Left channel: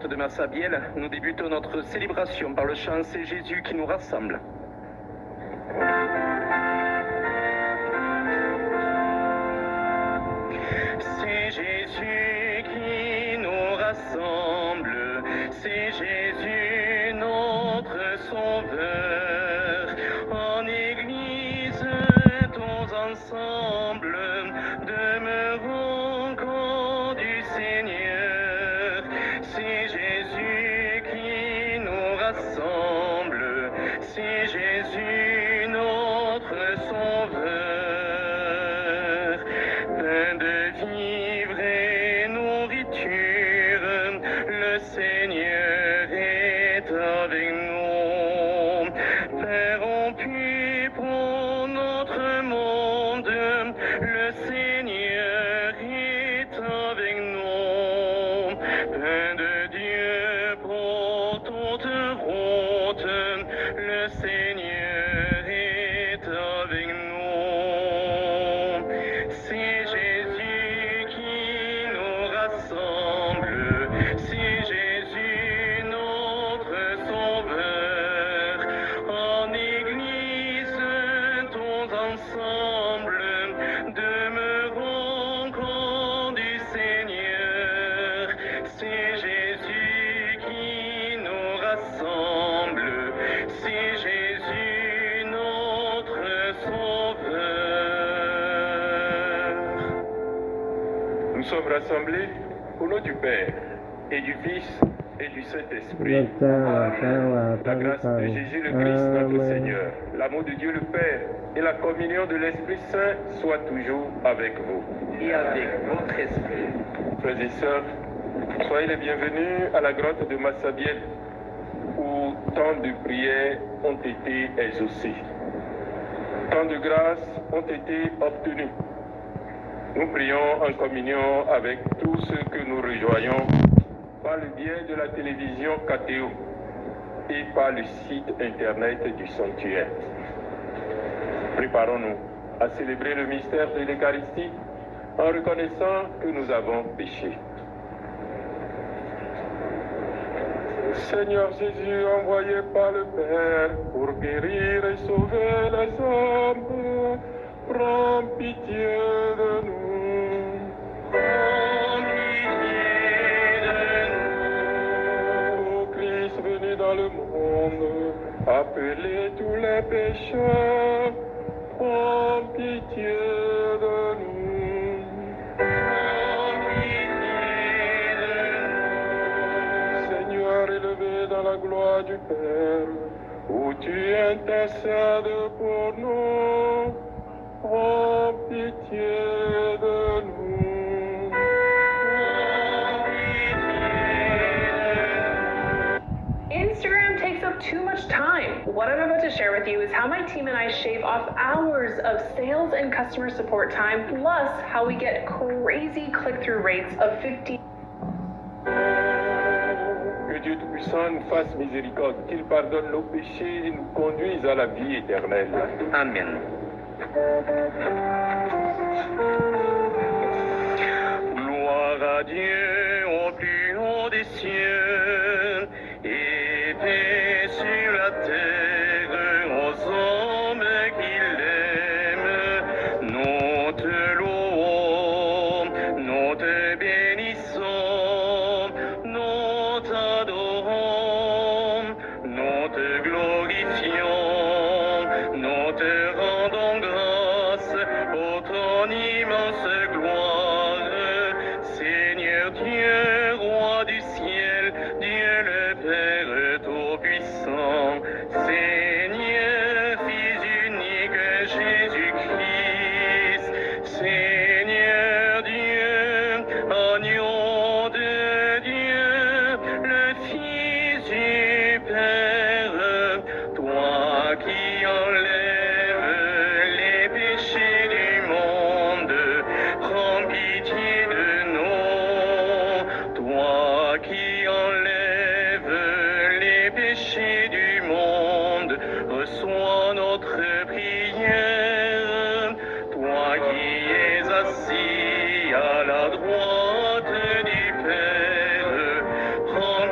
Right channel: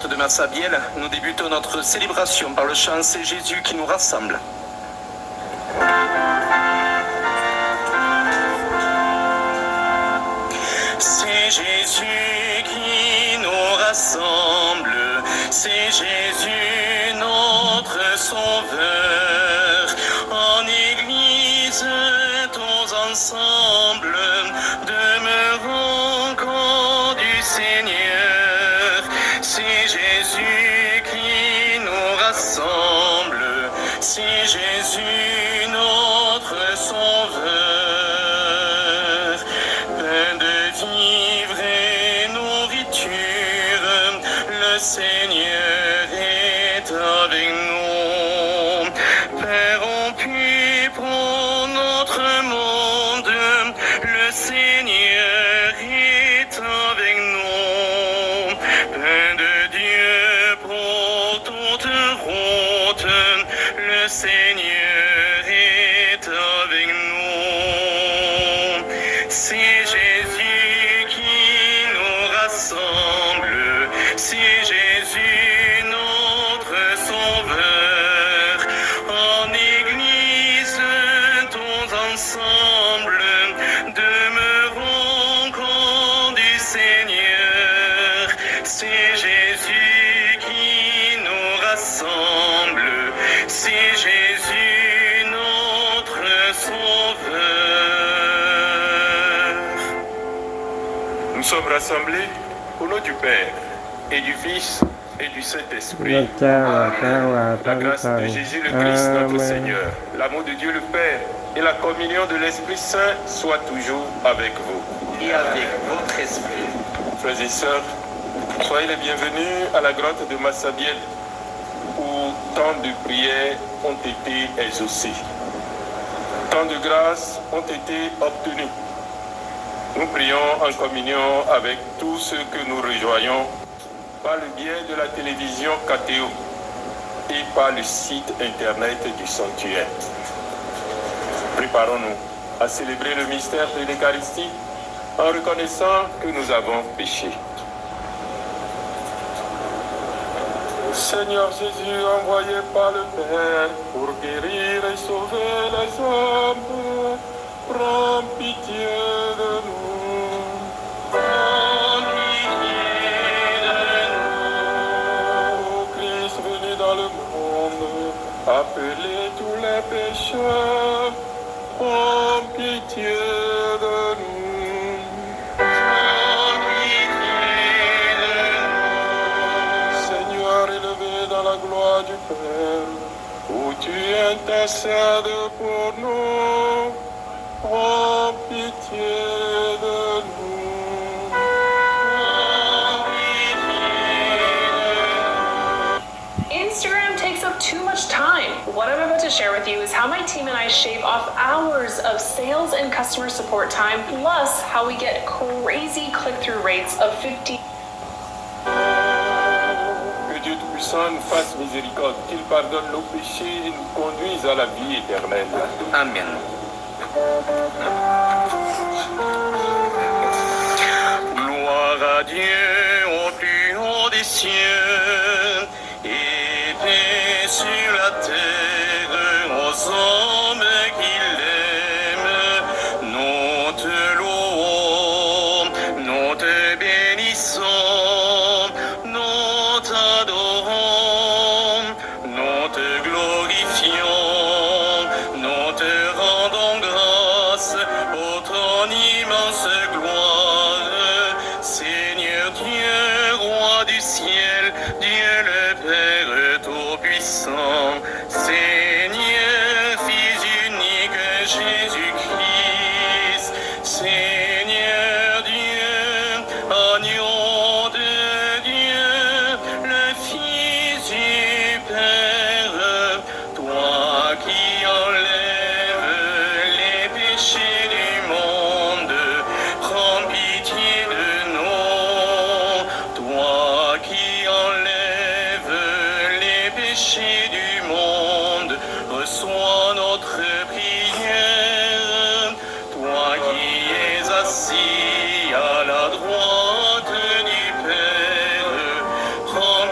grotte de Massabielle, nous débutons notre célébration par le chant C'est Jésus qui nous rassemble. C'est Jésus qui nous rassemble, c'est Jésus notre Sauveur. En Église, tous ensemble, demeurons corps du Seigneur. C'est Jésus qui nous rassemble, c'est Jésus notre Sauveur. Pain de vivre et nourriture, le Seigneur est avec nous. Père rompu pour notre monde, le Seigneur est avec nous. Pain de Dieu pour toute route, le Seigneur est avec nous. C'est Jésus qui nous rassemble, c'est Jésus notre Sauveur. En Église, tous ensemble, demeurons corps du Seigneur. C'est Jésus qui nous rassemble, c'est Jésus notre Sauveur. Nous sommes rassemblés au nom du Père et du Fils et du Saint-Esprit. La grâce de Jésus le Christ notre Seigneur, l'amour de Dieu le Père et la communion de l'Esprit Saint soient toujours avec vous. Et avec votre esprit. Frères et sœurs, soyez les bienvenus à la grotte de Massabielle où tant de prières ont été exaucées. Tant de grâces ont été obtenues. Nous prions en communion avec tous ceux que nous rejoignons par le biais de la télévision KTO et par le site internet du sanctuaire. Préparons-nous à célébrer le mystère de l'Eucharistie en reconnaissant que nous avons péché. Seigneur Jésus, envoyé par le Père pour guérir et sauver les hommes, prends pitié de nous. Prends pitié de nous. Ô Christ venu dans le monde, appelez tous les pécheurs, prends pitié de nous. Prends pitié de nous. Seigneur, élevé dans la gloire du Père, où tu intercèdes pour nous, prends pitié de nous. Prends pitié de nous. Instagram takes up too much time. What I'm about to share with you is how my team and I shave off hours of sales and customer support time, plus how we get crazy click-through rates of 50. Que Dieu Tout-Puissant nous fasse miséricorde, qu'il pardonne nos péchés et nous conduise à la vie éternelle. Amen. Gloire à Dieu au plus haut des cieux et paix sur la terre aux hommes qu'il aime. Nous te louons, nous te bénissons, nous t'adorons, nous te glorifions, nous te rendons grâce pour ton immense gloire. Seigneur Dieu, roi du ciel, Dieu le Père Tout-Puissant, Seigneur, Fils unique Jésus-Christ, Seigneur Dieu, agneau de Dieu, le Fils du Père, toi qui enlèves les péchés du monde, prends pitié de nous. Toi qui enlèves les péchés du monde, reçois notre prière. Toi qui es assis à la droite du Père, prends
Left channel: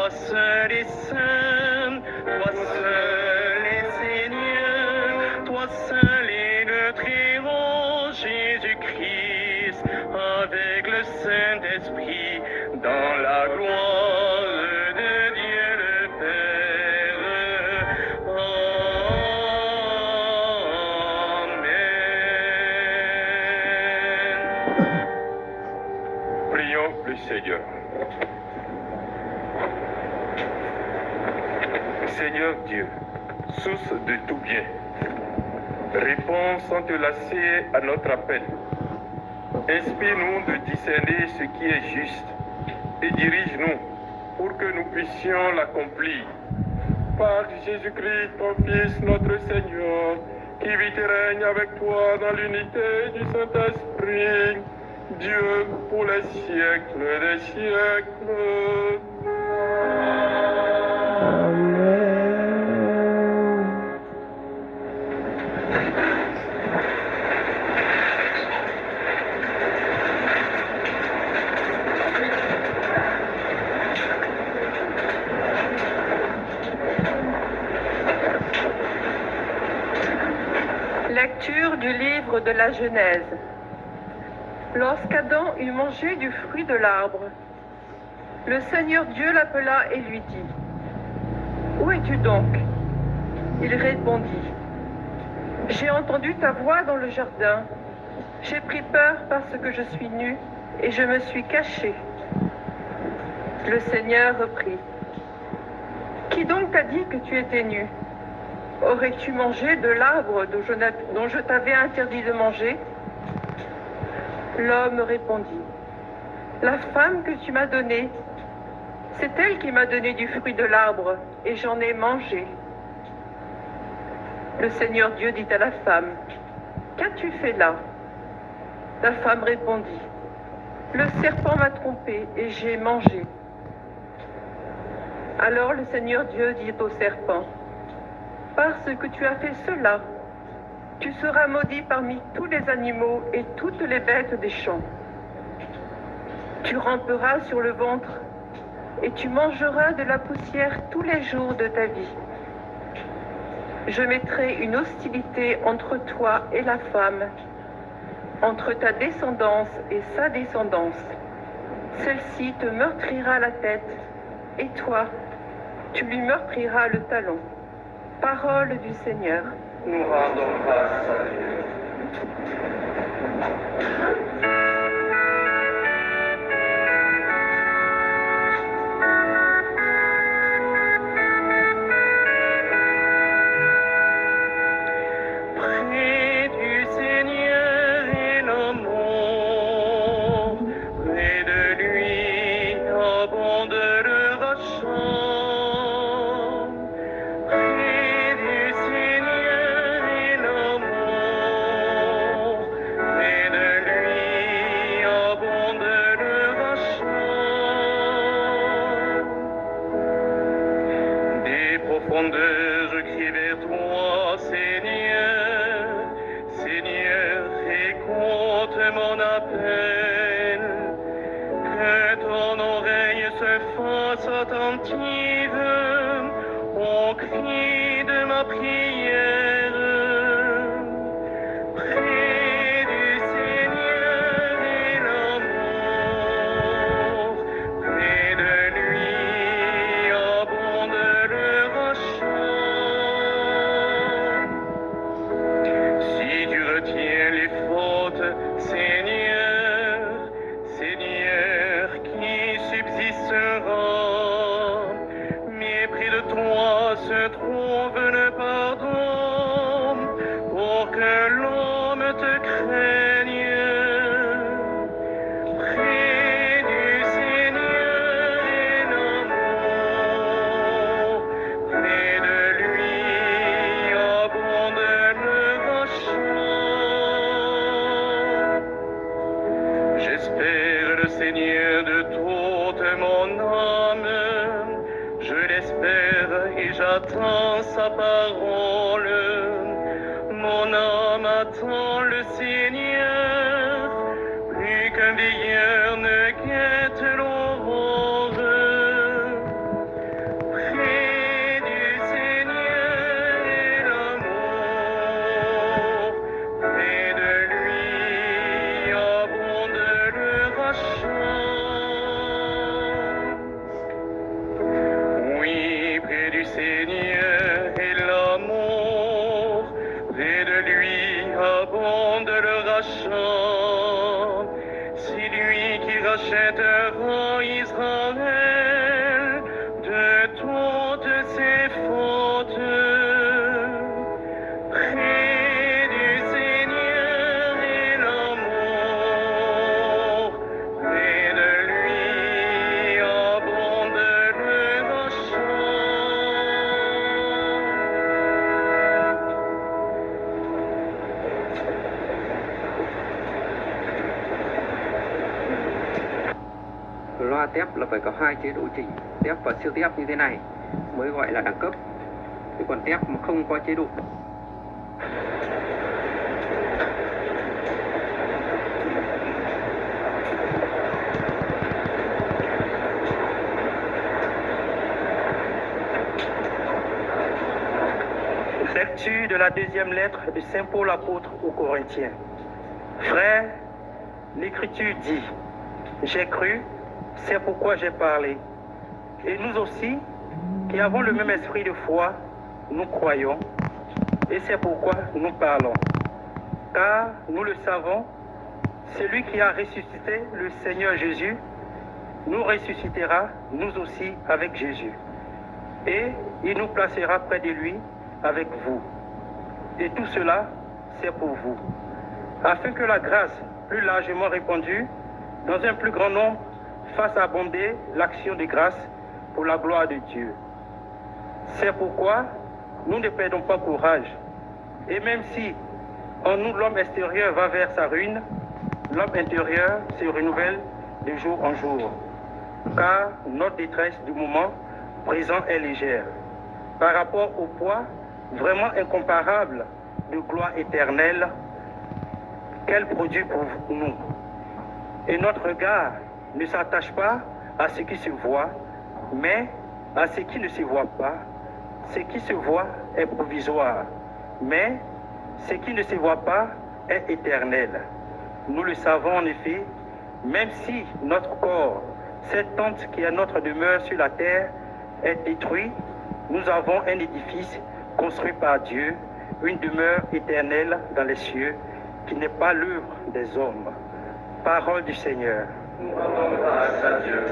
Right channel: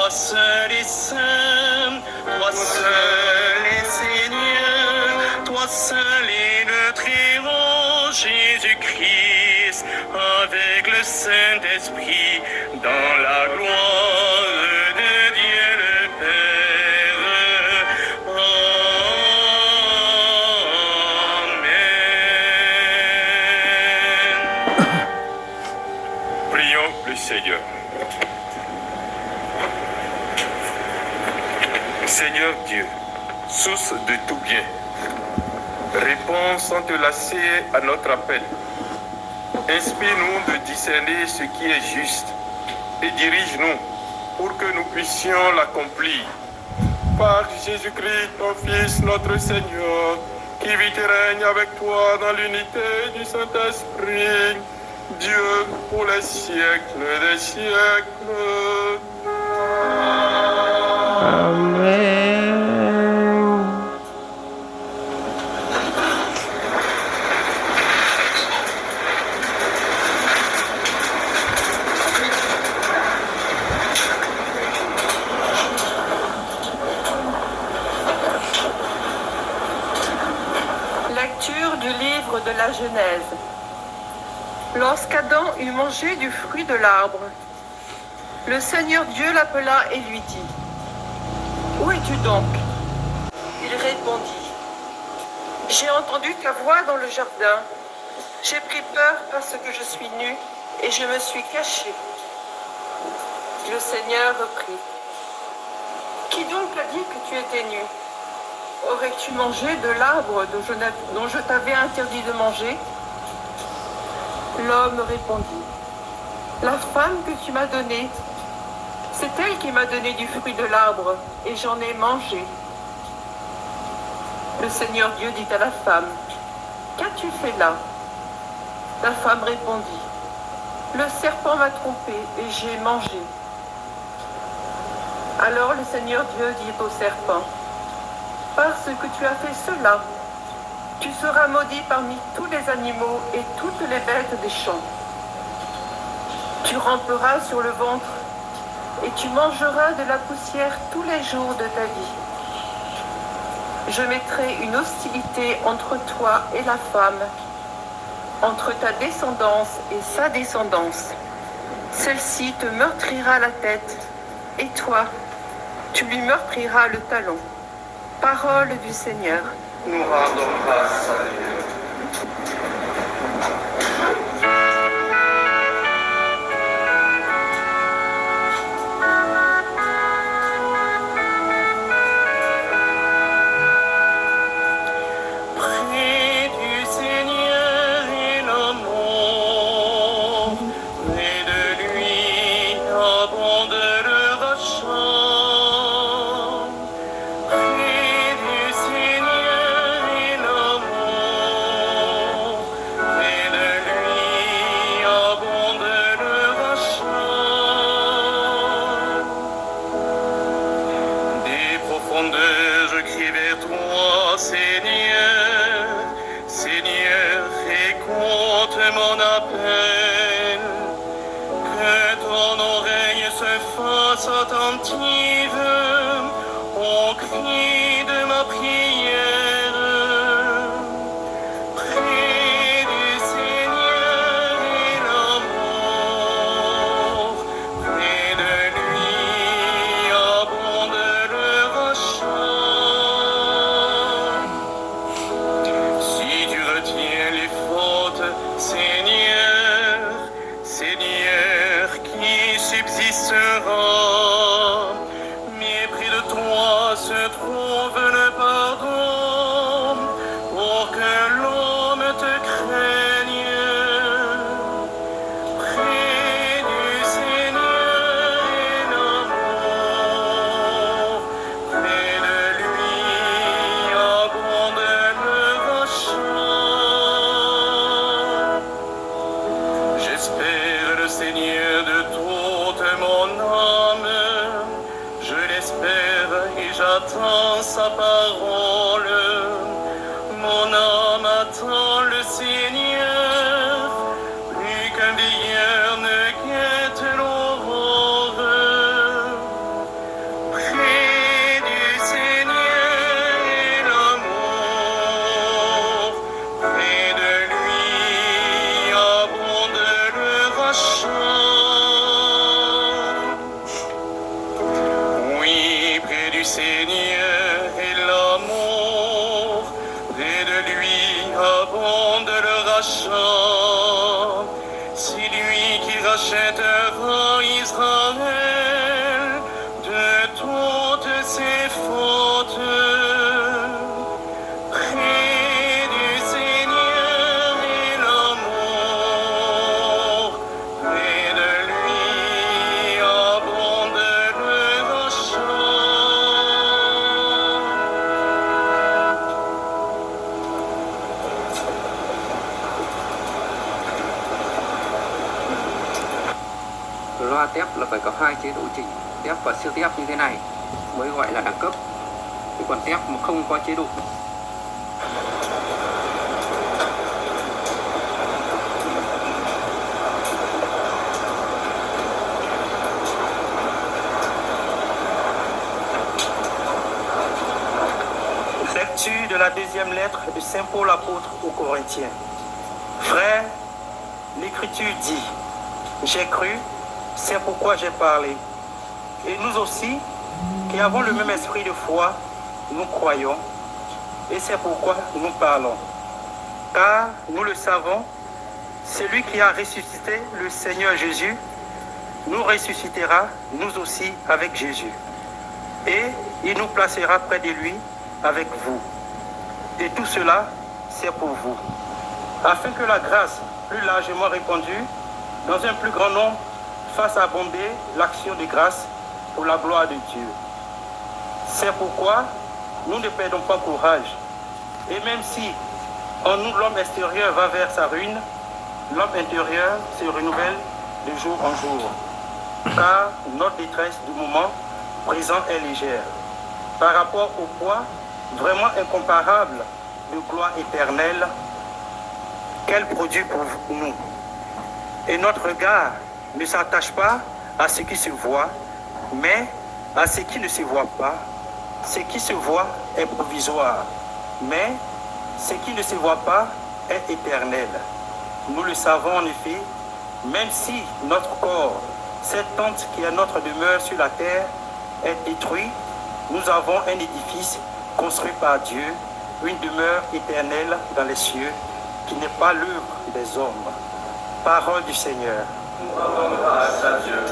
Toi seul est saint, toi seul est Seigneur, toi seul est notre héros, Jésus-Christ, avec le Saint-Esprit, dans la gloire de Dieu le Père. Amen. Prions le Seigneur. Seigneur Dieu, source de tout bien, réponds sans te lasser à notre appel. Inspire-nous de discerner ce qui est juste et dirige-nous pour que nous puissions l'accomplir. Par Jésus-Christ, ton Fils, notre Seigneur, qui vit et règne avec toi dans l'unité du Saint-Esprit, Dieu pour les siècles des siècles. Lecture du livre de la Genèse. Lorsqu'Adam eut mangé du fruit de l'arbre, le Seigneur Dieu l'appela et lui dit : « Où es-tu donc ? » Il répondit : « J'ai entendu ta voix dans le jardin. J'ai pris peur parce que je suis nu et je me suis caché. » Le Seigneur reprit : « Qui donc t'a dit que tu étais nu ? Aurais-tu mangé de l'arbre dont je t'avais interdit de manger ? » L'homme répondit : « La femme que tu m'as donnée, c'est elle qui m'a donné du fruit de l'arbre, et j'en ai mangé. » Le Seigneur Dieu dit à la femme : « Qu'as-tu fait là ? » La femme répondit : « Le serpent m'a trompée, et j'ai mangé. » Alors le Seigneur Dieu dit au serpent : « Parce que tu as fait cela, tu seras maudit parmi tous les animaux et toutes les bêtes des champs. Tu ramperas sur le ventre et tu mangeras de la poussière tous les jours de ta vie. Je mettrai une hostilité entre toi et la femme, entre ta descendance et sa descendance. Celle-ci te meurtrira la tête, et toi, tu lui meurtriras le talon. » Parole du Seigneur. Nous rendons grâce à Dieu. Je crie vers toi, Seigneur, Seigneur, écoute mon appel, que ton oreille se fasse attentive au cri de ma prière. Près du Seigneur est l'amour, près de lui abonde le rachat. Si tu retiens les fautes, Seigneur, Seigneur, qui subsistera? Mais près de toi se trouve le pardon, pour que l'homme te craigne. Près du Seigneur est l'amour, près de lui abonde le rachat. J'espère le Seigneur de toute mon âme, je l'espère et j'attends sa parole. Mon âme attend le Seigneur, plus qu'un veilleur ne guette l'aurore. tép là phải có hai chế độ chỉnh, tép và siêu tép như thế này mới gọi là đẳng cấp. Chứ còn tép mà không có chế độ Lecture de la deuxième lettre de Saint Paul apôtre aux Corinthiens. Frères, l'Écriture dit, j'ai cru, c'est pourquoi j'ai parlé. Et nous aussi, qui avons le même esprit de foi, nous croyons, et c'est pourquoi nous parlons. Car nous le savons, celui qui a ressuscité le Seigneur Jésus, nous ressuscitera, nous aussi, avec Jésus. Et il nous placera près de lui, avec vous. Et tout cela, c'est pour vous. Afin que la grâce, plus largement répandue, dans un plus grand nombre, fasse abonder l'action de grâce pour la gloire de Dieu. C'est pourquoi nous ne perdons pas courage. Et même si en nous l'homme extérieur va vers sa ruine, l'homme intérieur se renouvelle de jour en jour. Car notre détresse du moment présent est légère par rapport au poids vraiment incomparable de gloire éternelle qu'elle produit pour nous. Et notre regard ne s'attache pas à ce qui se voit, mais à ce qui ne se voit pas. Ce qui se voit est provisoire, mais ce qui ne se voit pas est éternel. Nous le savons en effet, même si notre corps, cette tente qui est notre demeure sur la terre, est détruit, nous avons un édifice construit par Dieu, une demeure éternelle dans les cieux, qui n'est pas l'œuvre des hommes. Parole du Seigneur. Grâce à Dieu.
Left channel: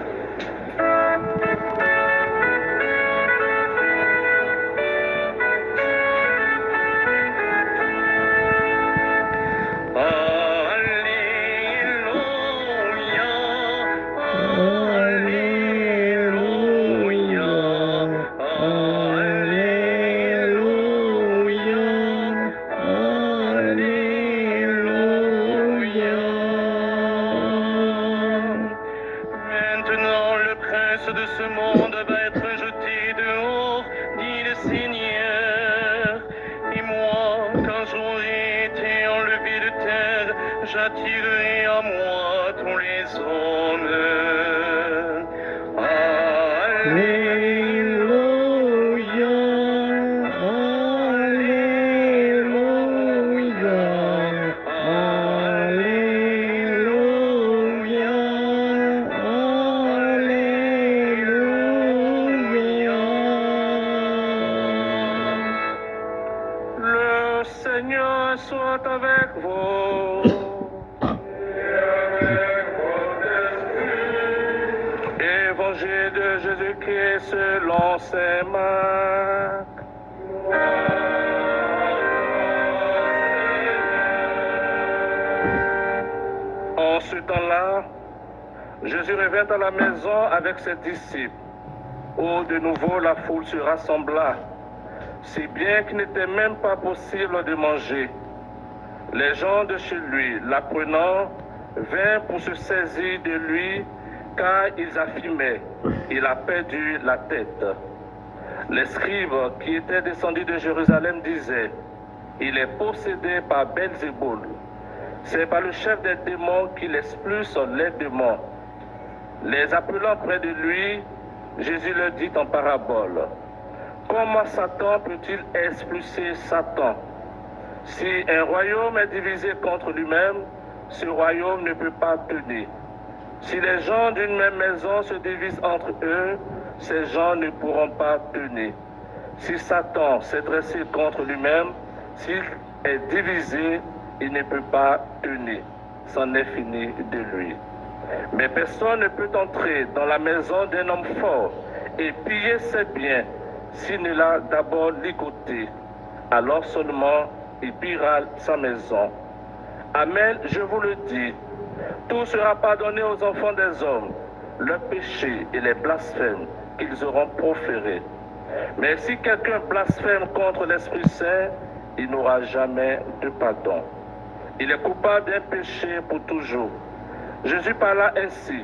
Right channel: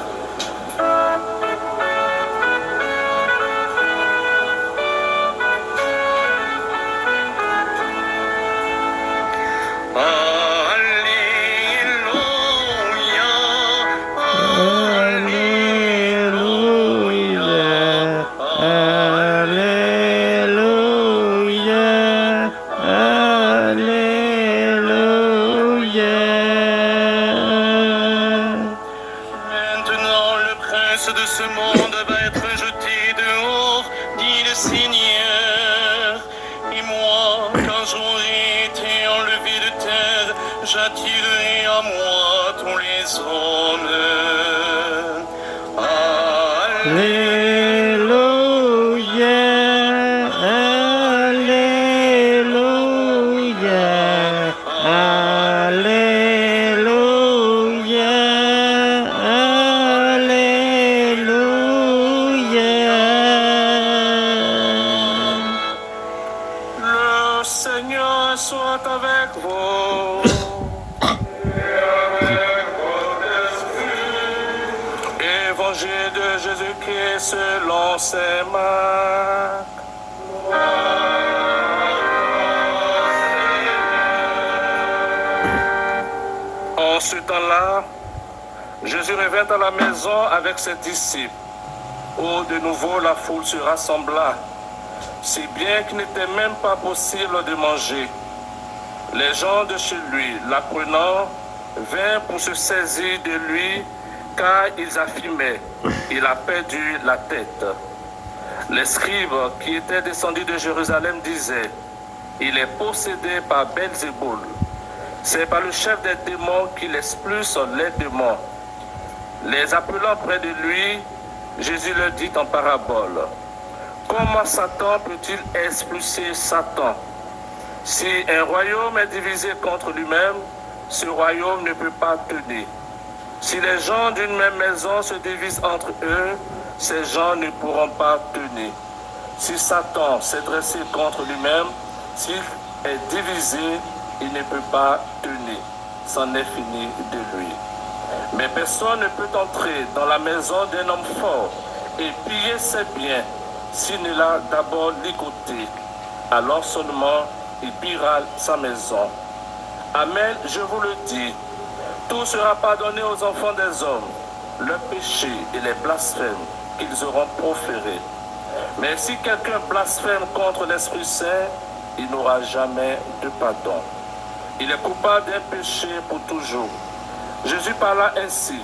De ce monde va être jeté dehors, dit le Seigneur. Et moi, quand j'aurai été enlevé de terre, j'attirerai à moi tous les hommes. Seigneur soit avec vous. Évangile de Jésus-Christ selon saint Marc. En ce temps-là, Jésus revint à la maison avec ses disciples, où de nouveau la foule se rassembla, si bien qu'il n'était même pas possible de manger. Les gens de chez lui, l'apprenant, vinrent pour se saisir de lui, car ils affirmaient, il a perdu la tête. Les scribes qui étaient descendus de Jérusalem disaient, il est possédé par Belzéboul. C'est par le chef des démons qu'il expulse les démons. Les appelant près de lui, Jésus leur dit en parabole, comment Satan peut-il expulser Satan? Si un royaume est divisé contre lui-même, ce royaume ne peut pas tenir. Si les gens d'une même maison se divisent entre eux, ces gens ne pourront pas tenir. Si Satan s'est dressé contre lui-même, s'il est divisé, il ne peut pas tenir. C'en est fini de lui. Mais personne ne peut entrer dans la maison d'un homme fort et piller ses biens s'il ne l'a d'abord ligoté. Alors seulement il pillera sa maison. Amen, je vous le dis, tout sera pardonné aux enfants des hommes, leurs péchés et les blasphèmes qu'ils auront proférés. Mais si quelqu'un blasphème contre l'Esprit Saint, il n'aura jamais de pardon. Il est coupable d'un péché pour toujours. Jésus parla ainsi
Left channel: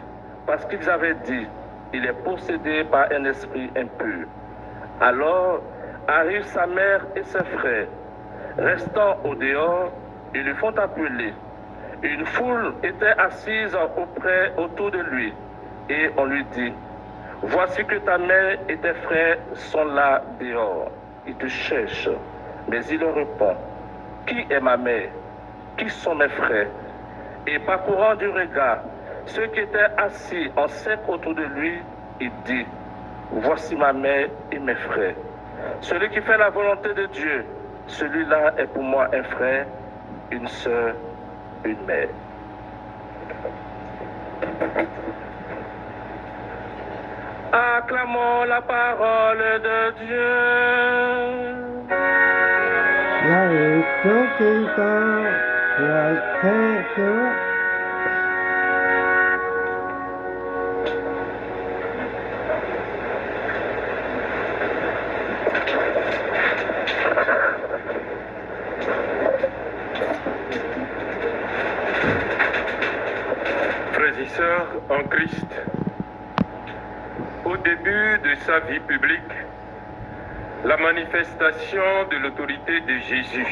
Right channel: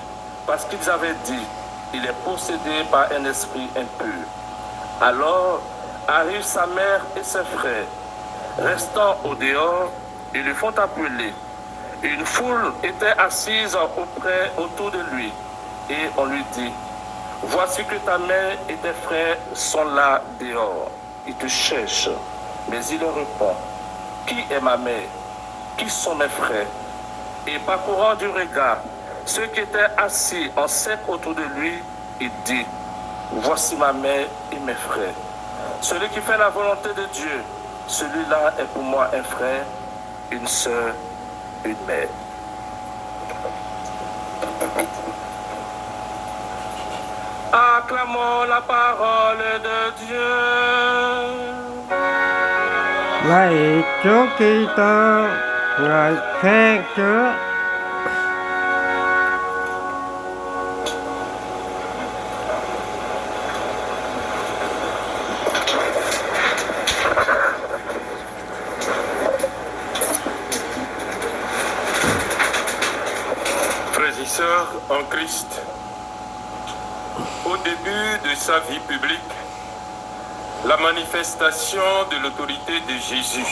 parce qu'ils avaient dit, il est possédé par un esprit impur. Alors arrivent sa mère et ses frères. Restant au dehors, ils lui font appeler. Une foule était assise autour de lui. Et on lui dit, voici que ta mère et tes frères sont là dehors. Ils te cherchent. Mais il leur répond, qui est ma mère? Qui sont mes frères? Et parcourant du regard ceux qui étaient assis en cercle autour de lui, il dit, voici ma mère et mes frères. Celui qui fait la volonté de Dieu, celui-là est pour moi un frère, une sœur, une mère. Acclamons la parole de Dieu. Lạy Chúa Kitô, ngợi khen Chúa. Frères et sœurs en Christ, au début de sa vie publique, la manifestation de l'autorité de Jésus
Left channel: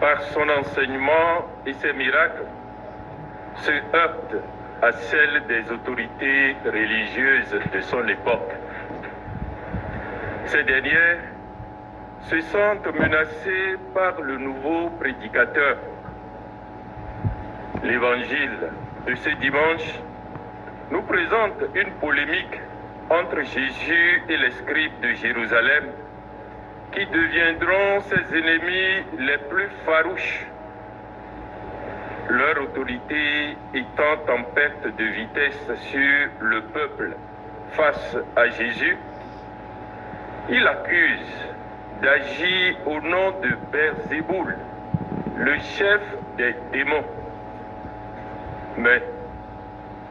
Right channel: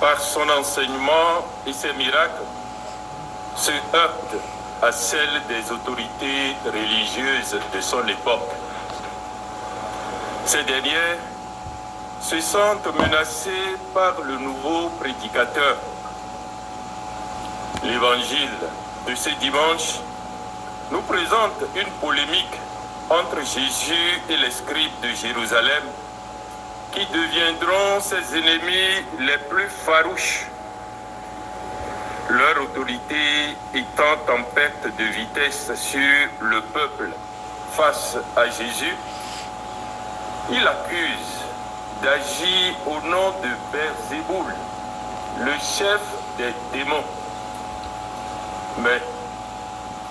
par son enseignement et ses miracles se heurte à celle des autorités religieuses de son époque. Ces dernières se sentent menacées par le nouveau prédicateur. L'évangile de ce dimanche nous présente une polémique entre Jésus et les scribes de Jérusalem qui deviendront ses ennemis les plus farouches. Leur autorité étant en perte de vitesse sur le peuple face à Jésus, ils accusent d'agir au nom de Beelzéboul, le chef des démons. Mais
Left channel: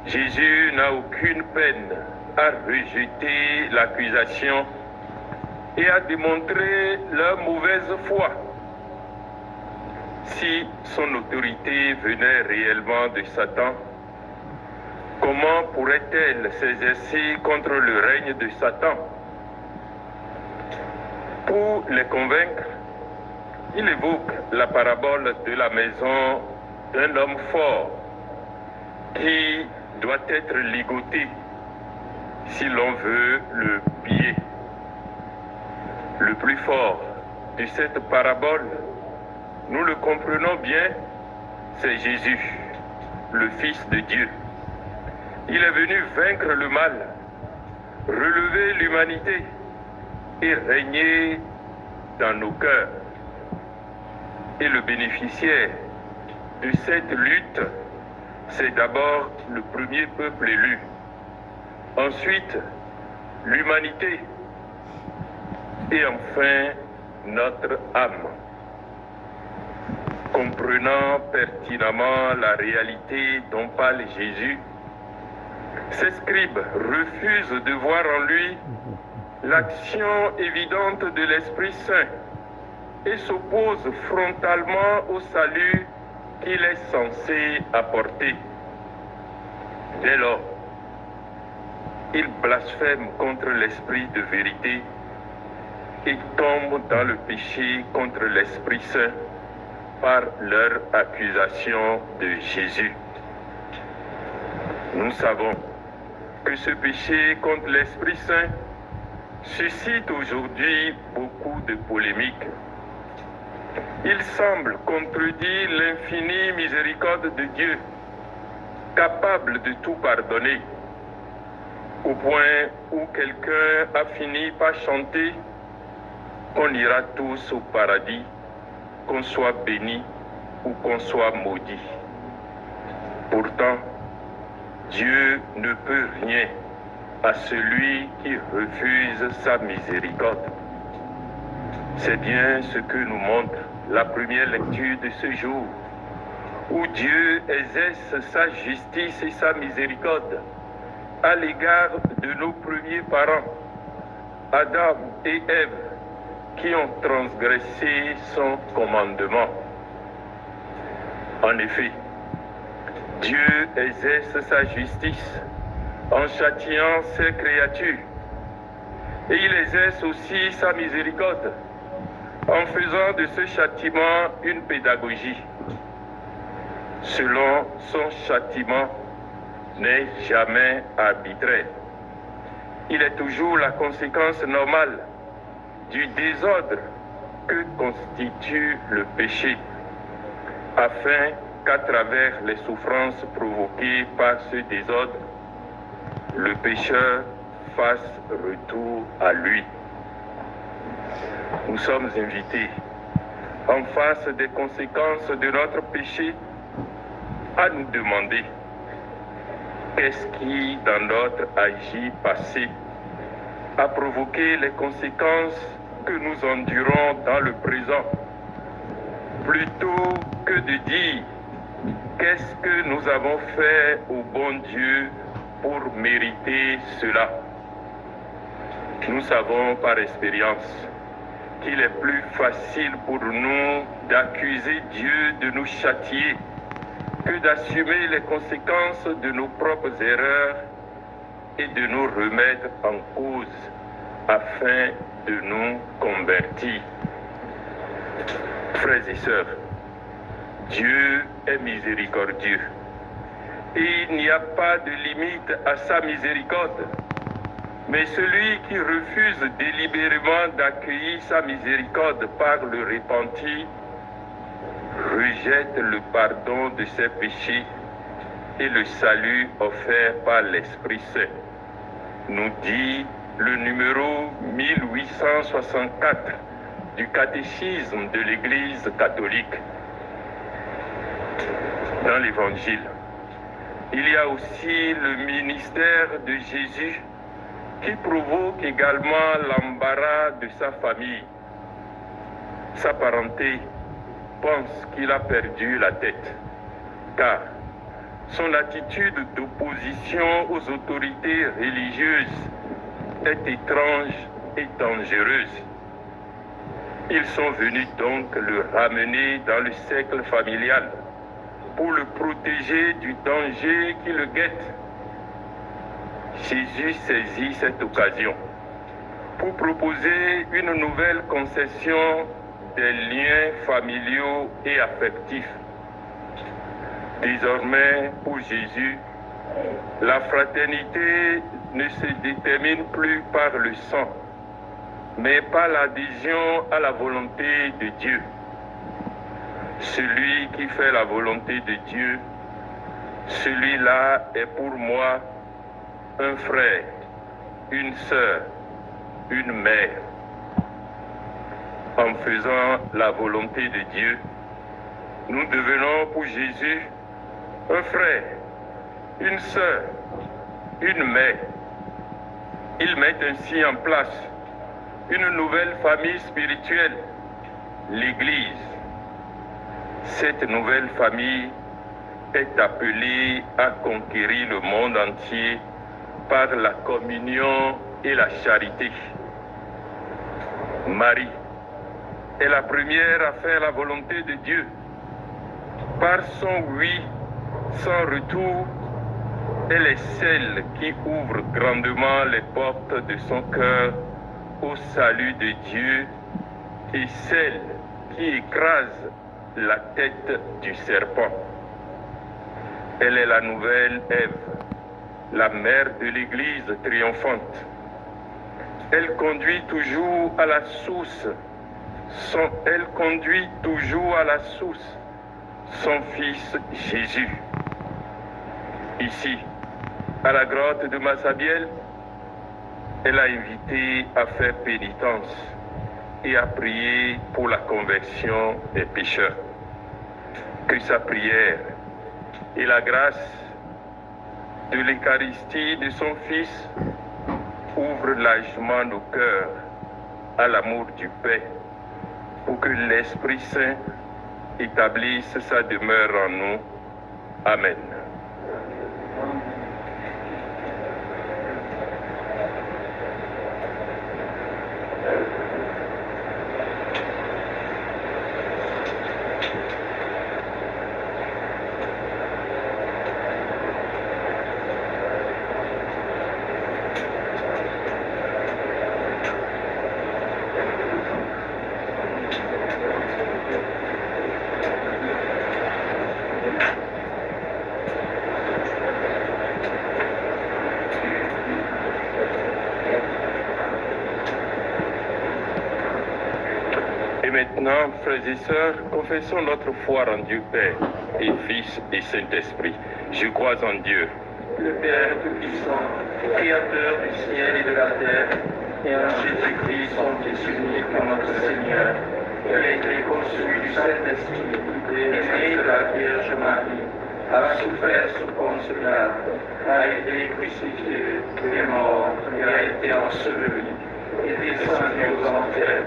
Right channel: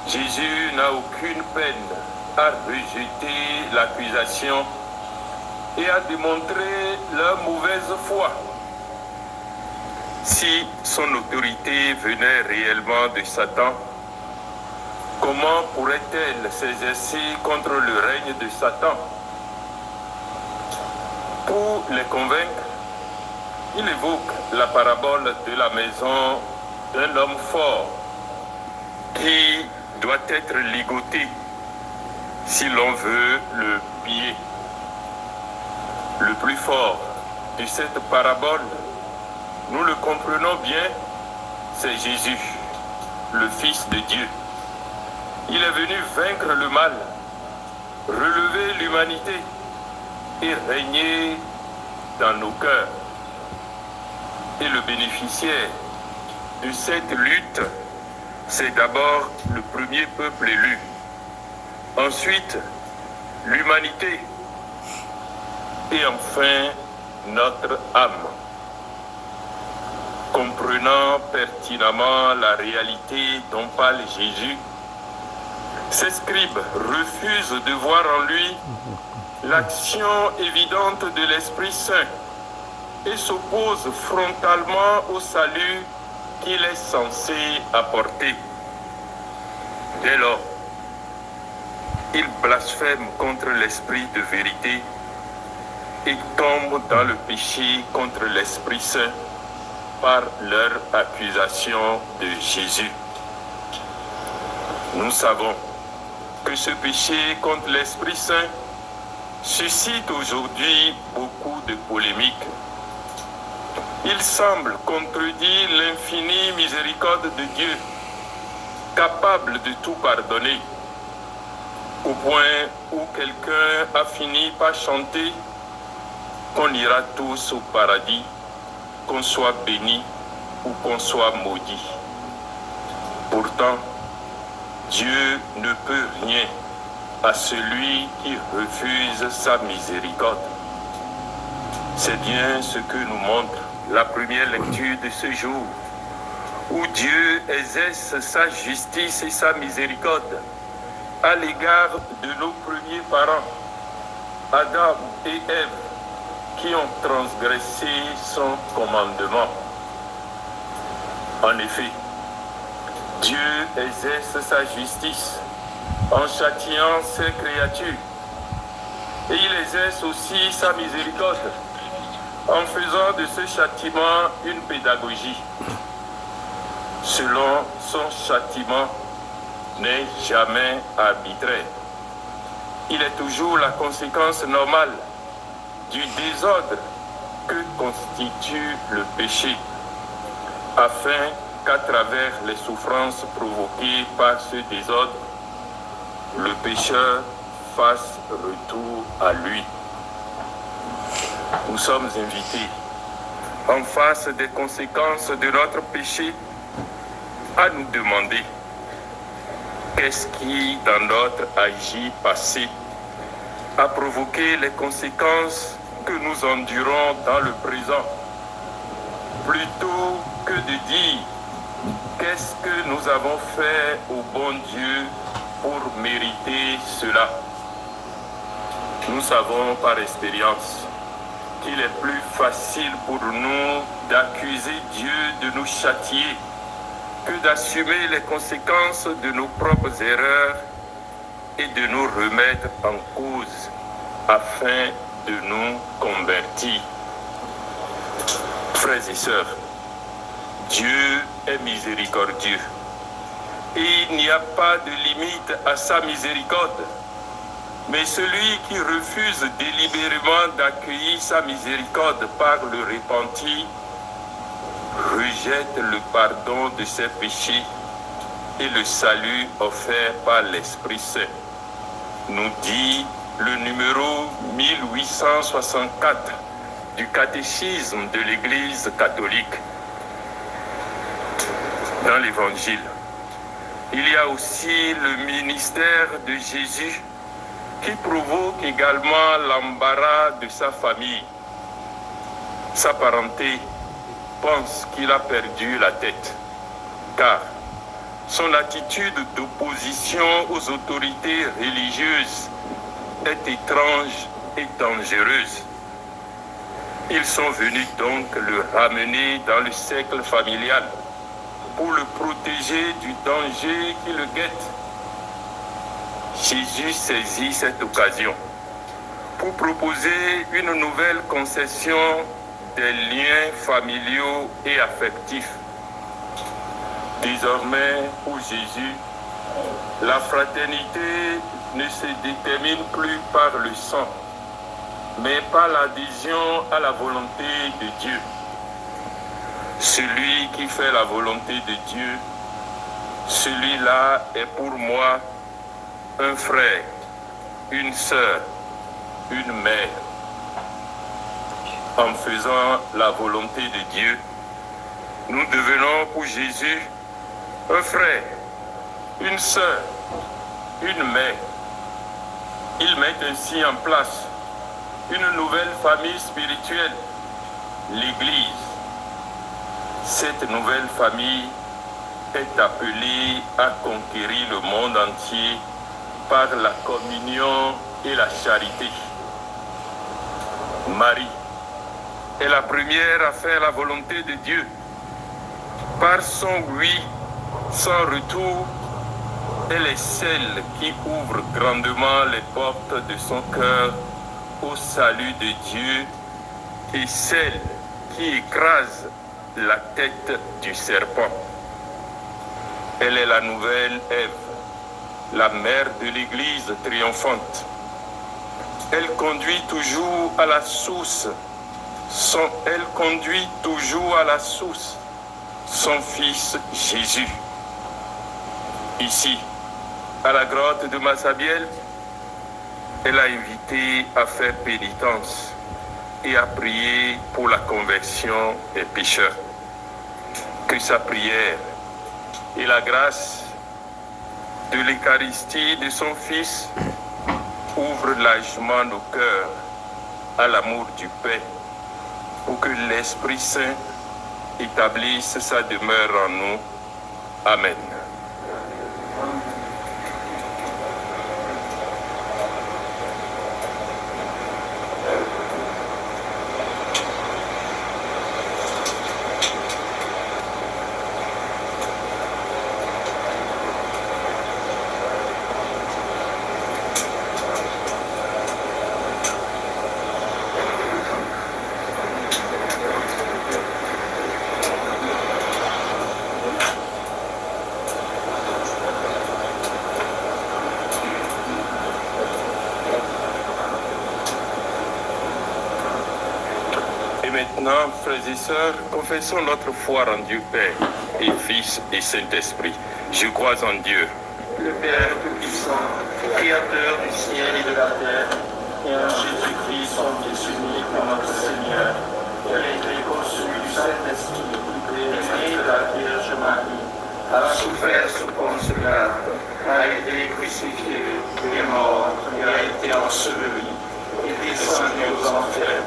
Jésus n'a aucune peine à rejeter l'accusation et à démontrer leur mauvaise foi. Si son autorité venait réellement de Satan, comment pourrait-elle s'exercer contre le règne de Satan? Pour les convaincre, il évoque la parabole de la maison d'un homme fort qui doit être ligoté si l'on veut le piller. Le plus fort de cette parabole, nous le comprenons bien, c'est Jésus, le Fils de Dieu. Il est venu vaincre le mal, relever l'humanité et régner dans nos cœurs. Et le bénéficiaire de cette lutte, c'est d'abord le premier peuple élu. Ensuite, l'humanité. Et enfin, notre âme. Comprenant pertinemment la réalité dont parle Jésus, ces scribes refusent de voir en lui l'action évidente de l'Esprit Saint et s'opposent frontalement au salut qu'il est censé apporter. Dès lors, ils blasphèment contre l'Esprit de vérité et tombent dans le péché contre l'Esprit Saint par leur accusation de Jésus. Nous savons que ce péché contre l'Esprit Saint suscite aujourd'hui beaucoup de polémiques. Il semble contredire l'infinie miséricorde de Dieu, capable de tout pardonner, au point où quelqu'un a fini par chanter qu'on ira tous au paradis, qu'on soit béni ou qu'on soit maudit. Pourtant, Dieu ne peut rien à celui qui refuse sa miséricorde. C'est bien ce que nous montre la première lecture de ce jour, où Dieu exerce sa justice et sa miséricorde à l'égard de nos premiers parents, Adam et Ève, qui ont transgressé son commandement. En effet, Dieu exerce sa justice en châtiant ses créatures. Et il exerce aussi sa miséricorde en faisant de ce châtiment une pédagogie. Selon son châtiment n'est jamais arbitraire. Il est toujours la conséquence normale du désordre que constitue le péché, afin qu'à travers les souffrances provoquées par ce désordre, le pécheur fasse retour à lui. Nous sommes invités, en face des conséquences de notre péché, à nous demander qu'est-ce qui, dans notre agir passé, a provoqué les conséquences que nous endurons dans le présent, plutôt que de dire qu'est-ce que nous avons fait au bon Dieu pour mériter cela. Nous savons par expérience qu'il est plus facile pour nous d'accuser Dieu de nous châtier que d'assumer les conséquences de nos propres erreurs et de nous remettre en cause afin de nous convertir. Frères et sœurs, Dieu est miséricordieux et il n'y a pas de limite à sa miséricorde. Mais celui qui refuse délibérément d'accueillir sa miséricorde par le repenti rejette le pardon de ses péchés et le salut offert par l'Esprit Saint, nous dit le numéro 1864 du catéchisme de l'Église catholique. Dans l'Évangile, il y a aussi le ministère de Jésus qui provoque également l'embarras de sa famille. Sa parenté pense qu'il a perdu la tête, car son attitude d'opposition aux autorités religieuses est étrange et dangereuse. Ils sont venus donc le ramener dans le cercle familial pour le protéger du danger qui le guette. Jésus saisit cette occasion pour proposer une nouvelle concession des liens familiaux et affectifs. Désormais, pour Jésus, la fraternité ne se détermine plus par le sang, mais par l'adhésion à la volonté de Dieu. Celui qui fait la volonté de Dieu, celui-là est pour moi un frère, une sœur, une mère. En faisant la volonté de Dieu, nous devenons pour Jésus un frère, une sœur, une mère. Il met ainsi en place une nouvelle famille spirituelle, l'Église. Cette nouvelle famille est appelée à conquérir le monde entier par la communion et la charité. Marie est la première à faire la volonté de Dieu. Par son oui sans retour, elle est celle qui ouvre grandement les portes de son cœur au salut de Dieu et celle qui écrase la tête du serpent. Elle est la nouvelle Ève, la mère de l'Église triomphante. Elle conduit toujours à la source. Elle conduit toujours à la source son Fils Jésus. Ici, à la grotte de Massabielle, elle a invité à faire pénitence et à prier pour la conversion des pécheurs. Que sa prière et la grâce de l'Eucharistie de son Fils ouvrent largement nos cœurs à l'amour du Père, pour que l'Esprit Saint établisse sa demeure en nous. Amen. maintenant, frères et sœurs, confessons notre foi en Dieu Père et Fils et Saint-Esprit. Je crois en Dieu, le Père Tout-Puissant, Créateur du ciel et de la terre, et en Jésus-Christ, son Fils unique, notre Seigneur, qui a été conçu du Saint-Esprit, né de la Vierge Marie, a souffert sous Ponce Pilate, a été crucifié, est mort, et a été enseveli, est descendu aux enfers.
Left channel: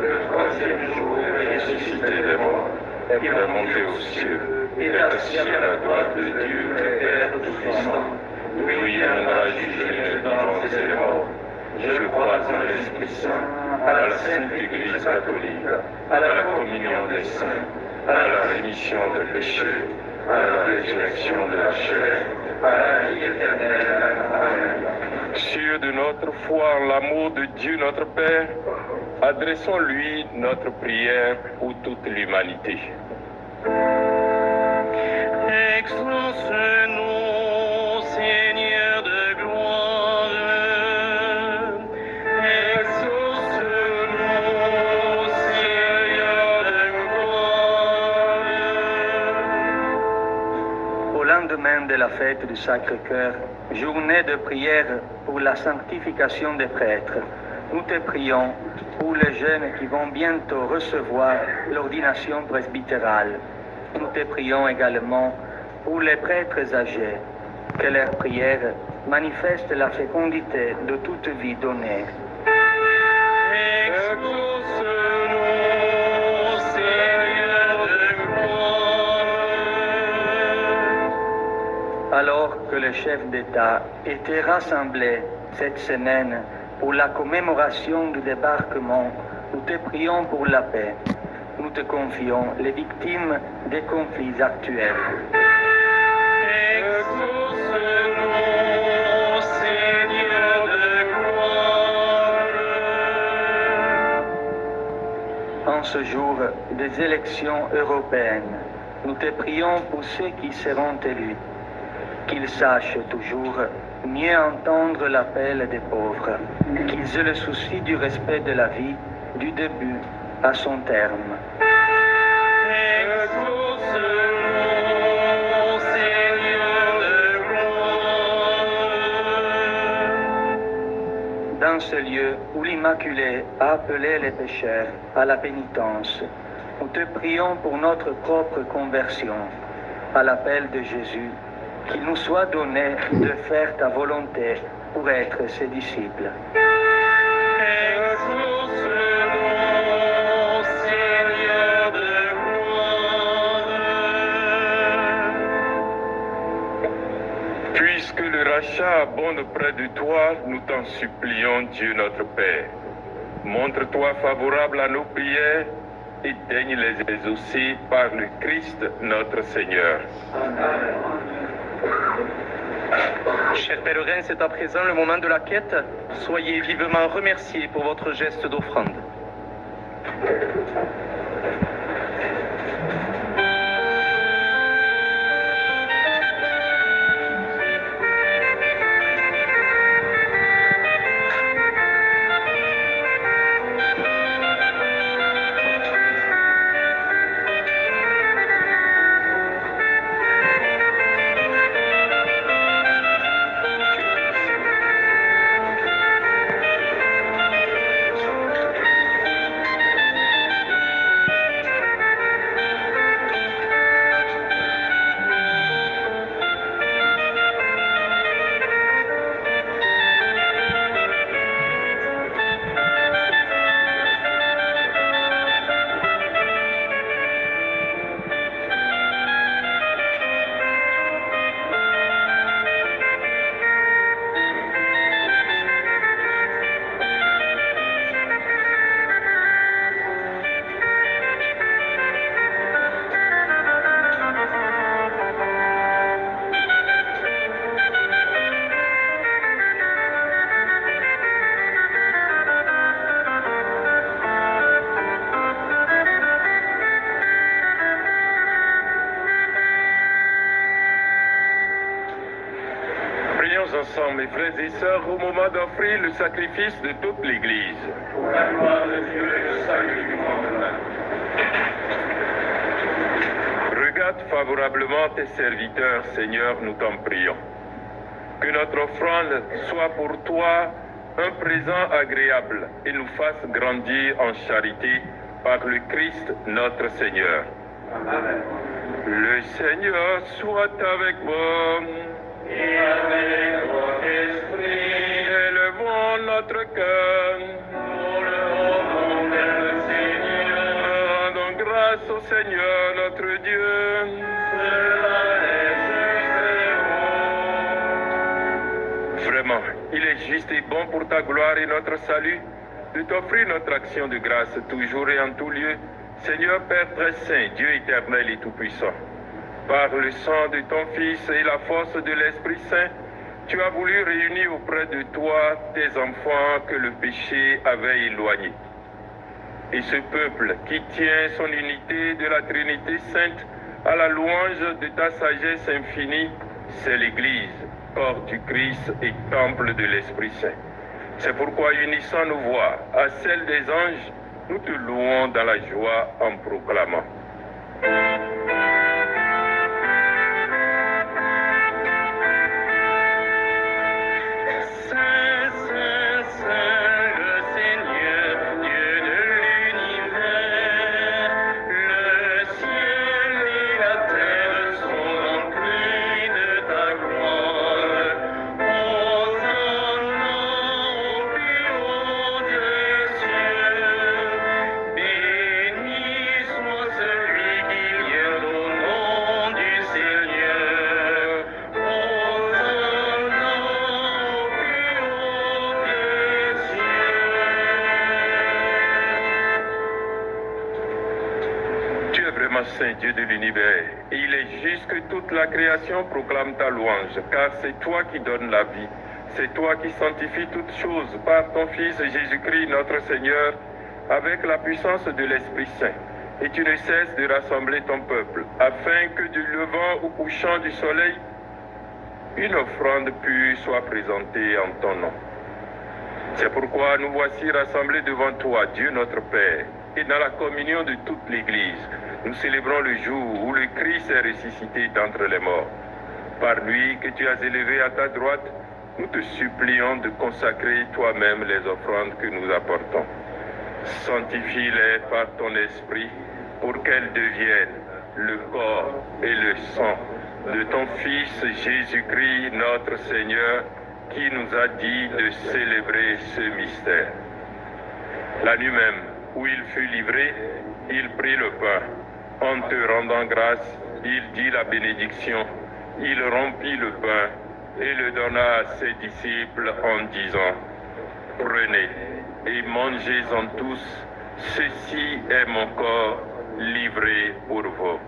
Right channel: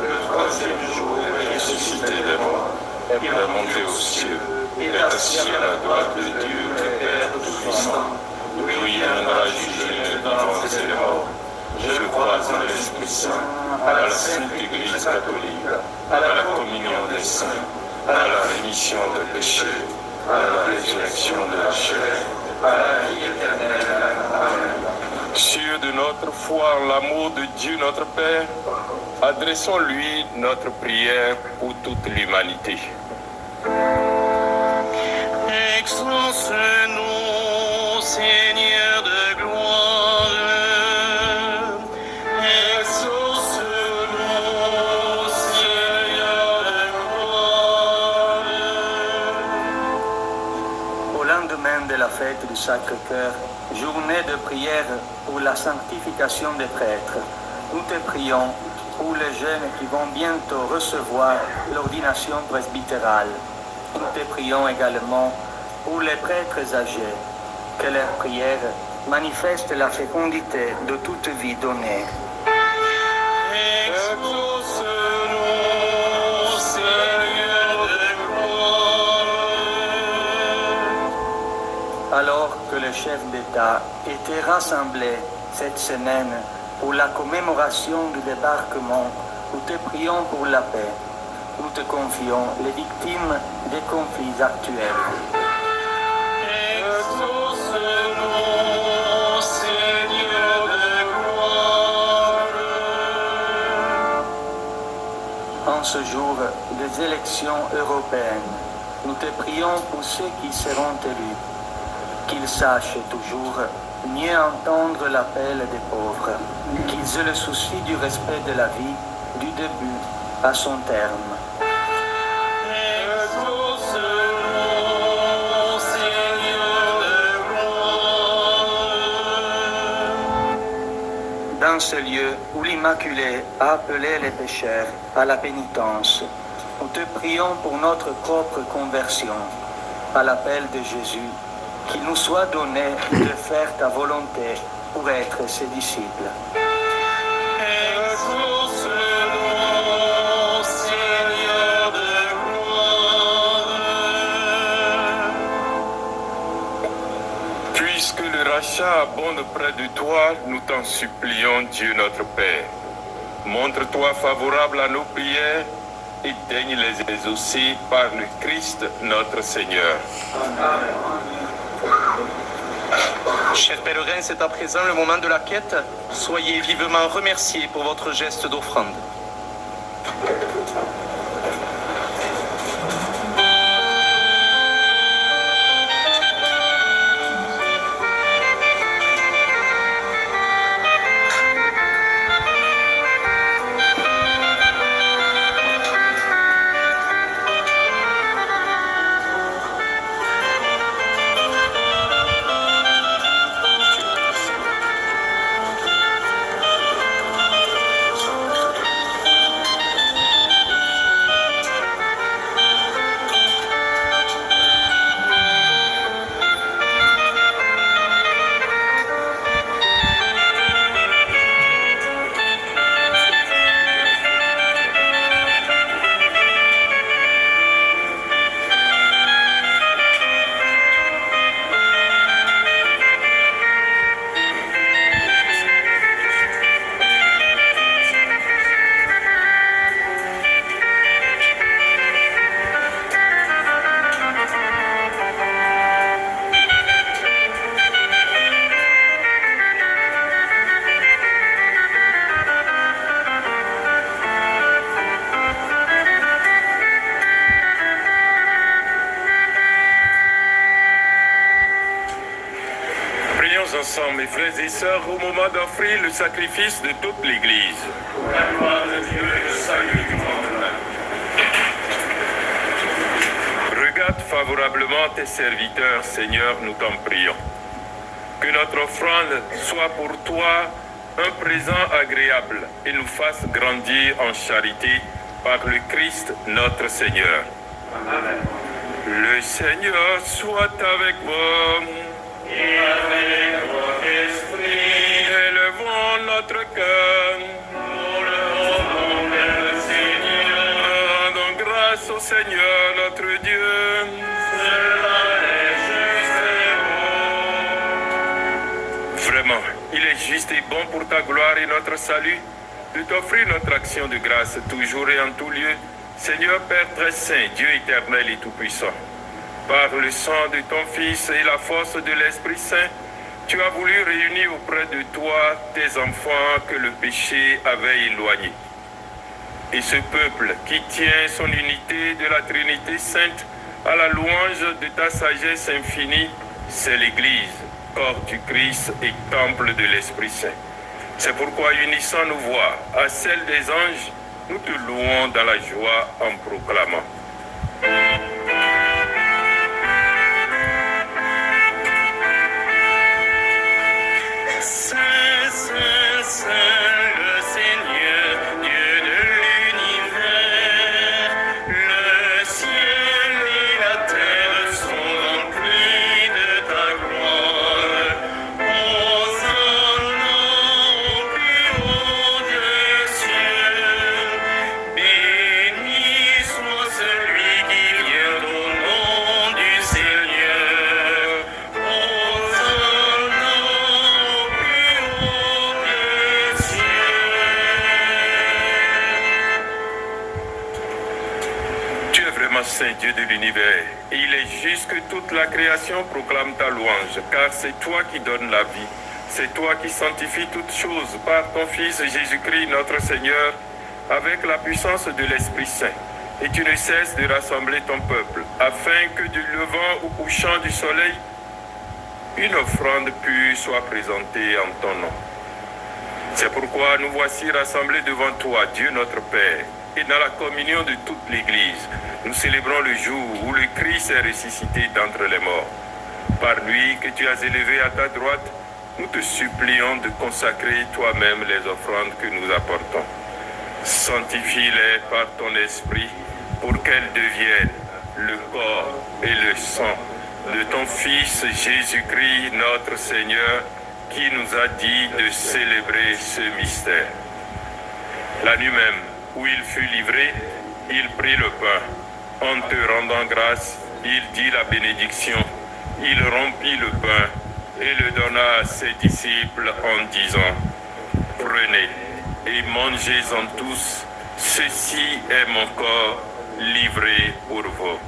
Le troisième jour, est ressuscité des morts, et est monté aux cieux, et est assis à la droite de Dieu, le Père Tout-Puissant, d'où il viendra juger les vivants et les morts. Je crois en l'Esprit Saint, à la Sainte Église catholique, à la communion des saints, à la rémission des péchés, à la résurrection de la chair, à la vie éternelle. Amen. Sûr de notre foi en l'amour de Dieu notre Père, adressons-lui notre prière pour toute l'humanité. Exauce-nous, Seigneur de gloire. Exauce-nous, Seigneur de gloire. Au lendemain de la fête du Sacré-Cœur, journée de prière pour la sanctification des prêtres, nous te prions pour les jeunes qui vont bientôt recevoir l'ordination presbytérale. Nous te prions également pour les prêtres âgés, que leur prière manifeste la fécondité de toute vie donnée. Exauce-nous, Seigneur de gloire. Alors que les chefs d'État étaient rassemblés cette semaine pour la commémoration du débarquement, nous te prions pour la paix. Nous te confions les victimes des conflits actuels. Exauce-nous, Seigneur de gloire. En ce jour des élections européennes, nous te prions pour ceux qui seront élus, qu'ils sachent toujours mieux entendre l'appel des pauvres, qu'ils aient le souci du respect de la vie, du début à son terme. Exauce-nous, Seigneur de gloire. Dans ce lieu où l'Immaculée a appelé les pécheurs à la pénitence, nous te prions pour notre propre conversion, à l'appel de Jésus, qu'il nous soit donné de faire ta volonté pour être ses disciples. Exauce-nous, Seigneur de gloire. Puisque le rachat abonde près de toi, nous t'en supplions, Dieu notre Père. Montre-toi favorable à nos prières et daigne les exaucer par le Christ notre Seigneur. Amen. Chers pèlerins, c'est à présent le moment de la quête. Soyez vivement remerciés pour votre geste d'offrande. Ensemble, mes frères et sœurs, au moment d'offrir le sacrifice de toute l'Église. Pour la gloire de Dieu et le salut du monde. favorablement tes serviteurs, Seigneur, nous t'en prions. Que notre offrande soit pour toi un présent agréable et nous fasse grandir en charité par le Christ notre Seigneur. Amen. Le Seigneur soit avec vous. Et avec votre esprit. Élevons notre cœur. Nous le rendons vers le Seigneur. Rendons grâce au Seigneur notre Dieu. Cela est juste et bon. Vraiment, il est juste et bon pour ta gloire et notre salut de t'offrir notre action de grâce toujours et en tout lieu, Seigneur Père très saint, Dieu éternel et tout-puissant. Par le sang de ton Fils et la force de l'Esprit Saint, tu as voulu réunir auprès de toi tes enfants que le péché avait éloignés. Et ce peuple qui tient son unité de la Trinité Sainte à la louange de ta sagesse infinie, c'est l'Église, corps du Christ et temple de l'Esprit Saint. C'est pourquoi, unissant nos voix à celles des anges, nous te louons dans la joie en proclamant. Saint, Saint, Saint, le Seigneur, Dieu de l'univers, le ciel et la terre sont remplis de ta gloire. Hosanna au plus haut des cieux, béni soit celui qui vient au nom du Seigneur. Hosanna au plus haut des cieux. Tu es vraiment saint, Dieu de l'univers, et il est juste que toute la création proclame ta louange, car c'est toi qui donnes la vie, c'est toi qui sanctifies toutes choses par ton Fils Jésus-Christ notre Seigneur, avec la puissance de l'Esprit Saint. Et tu ne cesses de rassembler ton peuple, afin que du levant au couchant du soleil, une offrande pure soit présentée en ton nom. C'est pourquoi nous voici rassemblés devant toi, Dieu notre Père, et dans la communion de toute l'Église, nous célébrons le jour où le Christ est ressuscité d'entre les morts. Par lui que tu as élevé à ta droite, nous te supplions de consacrer toi-même les offrandes que nous apportons. Sanctifie-les par ton esprit pour qu'elles deviennent le corps et le sang de ton Fils Jésus-Christ notre Seigneur, qui nous a dit de célébrer ce mystère. La nuit même où il fut livré, il prit le pain. En te rendant grâce, il dit la bénédiction. Il rompit le pain et le donna à ses disciples en disant: Prenez et mangez-en tous, ceci est mon corps livré pour vous.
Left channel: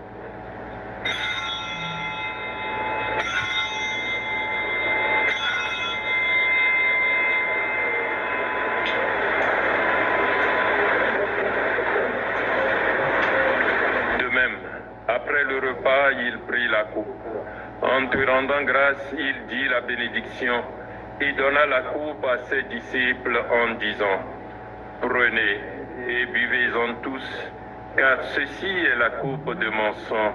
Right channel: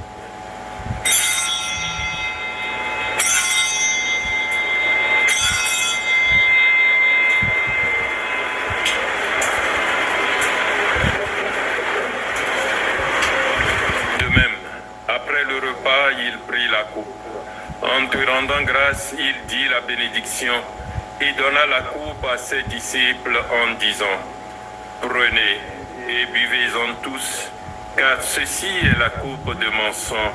De même, après le repas, il prit la coupe. En te rendant grâce, il dit la bénédiction et donna la coupe à ses disciples en disant: Prenez et buvez-en tous, car ceci est la coupe de mon sang,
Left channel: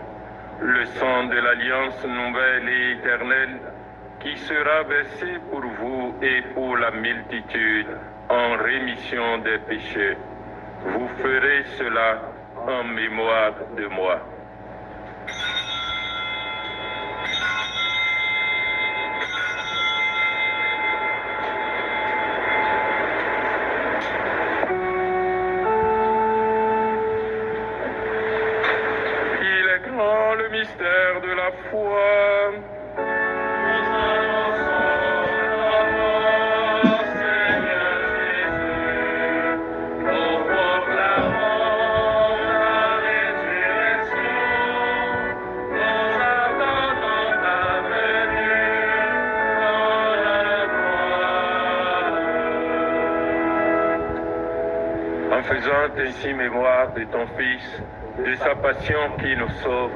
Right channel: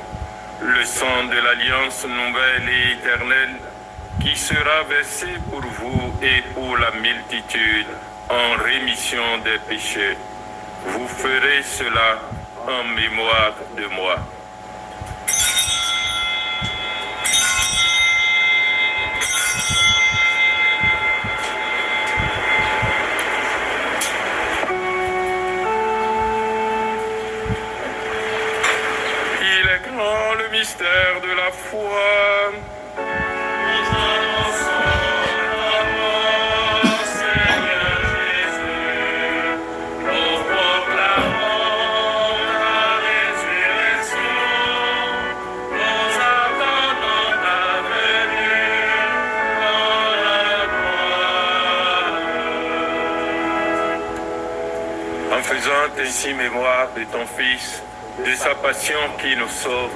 le sang de l'alliance nouvelle et éternelle, qui sera versé pour vous et pour la multitude en rémission des péchés. Vous ferez cela en mémoire de moi. Le mystère de la foi. Nous annonçons la mort, Seigneur Jésus. Nous proclamons la résurrection. Nous attendons ta venue dans la gloire. En faisant ainsi mémoire de ton Fils, de sa passion qui nous sauve,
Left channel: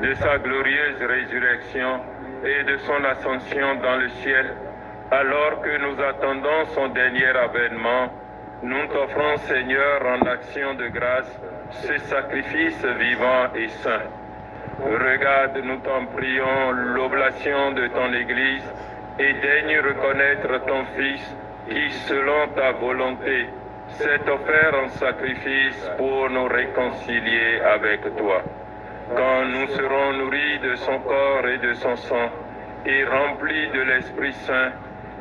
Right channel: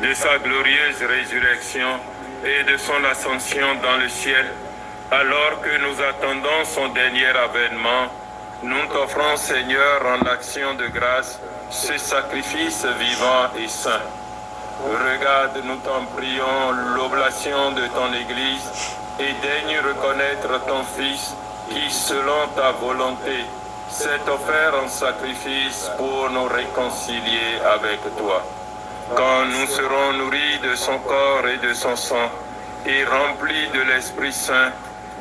de sa glorieuse résurrection et de son ascension dans le ciel, alors que nous attendons son dernier avènement, nous t'offrons, Seigneur, en action de grâce, ce sacrifice vivant et saint. Regarde, nous t'en prions, l'oblation de ton Église et daigne reconnaître ton Fils qui, selon ta volonté, s'est offert en sacrifice pour nous réconcilier avec toi. Quand nous serons nourris de son corps et de son sang et remplis de l'Esprit Saint,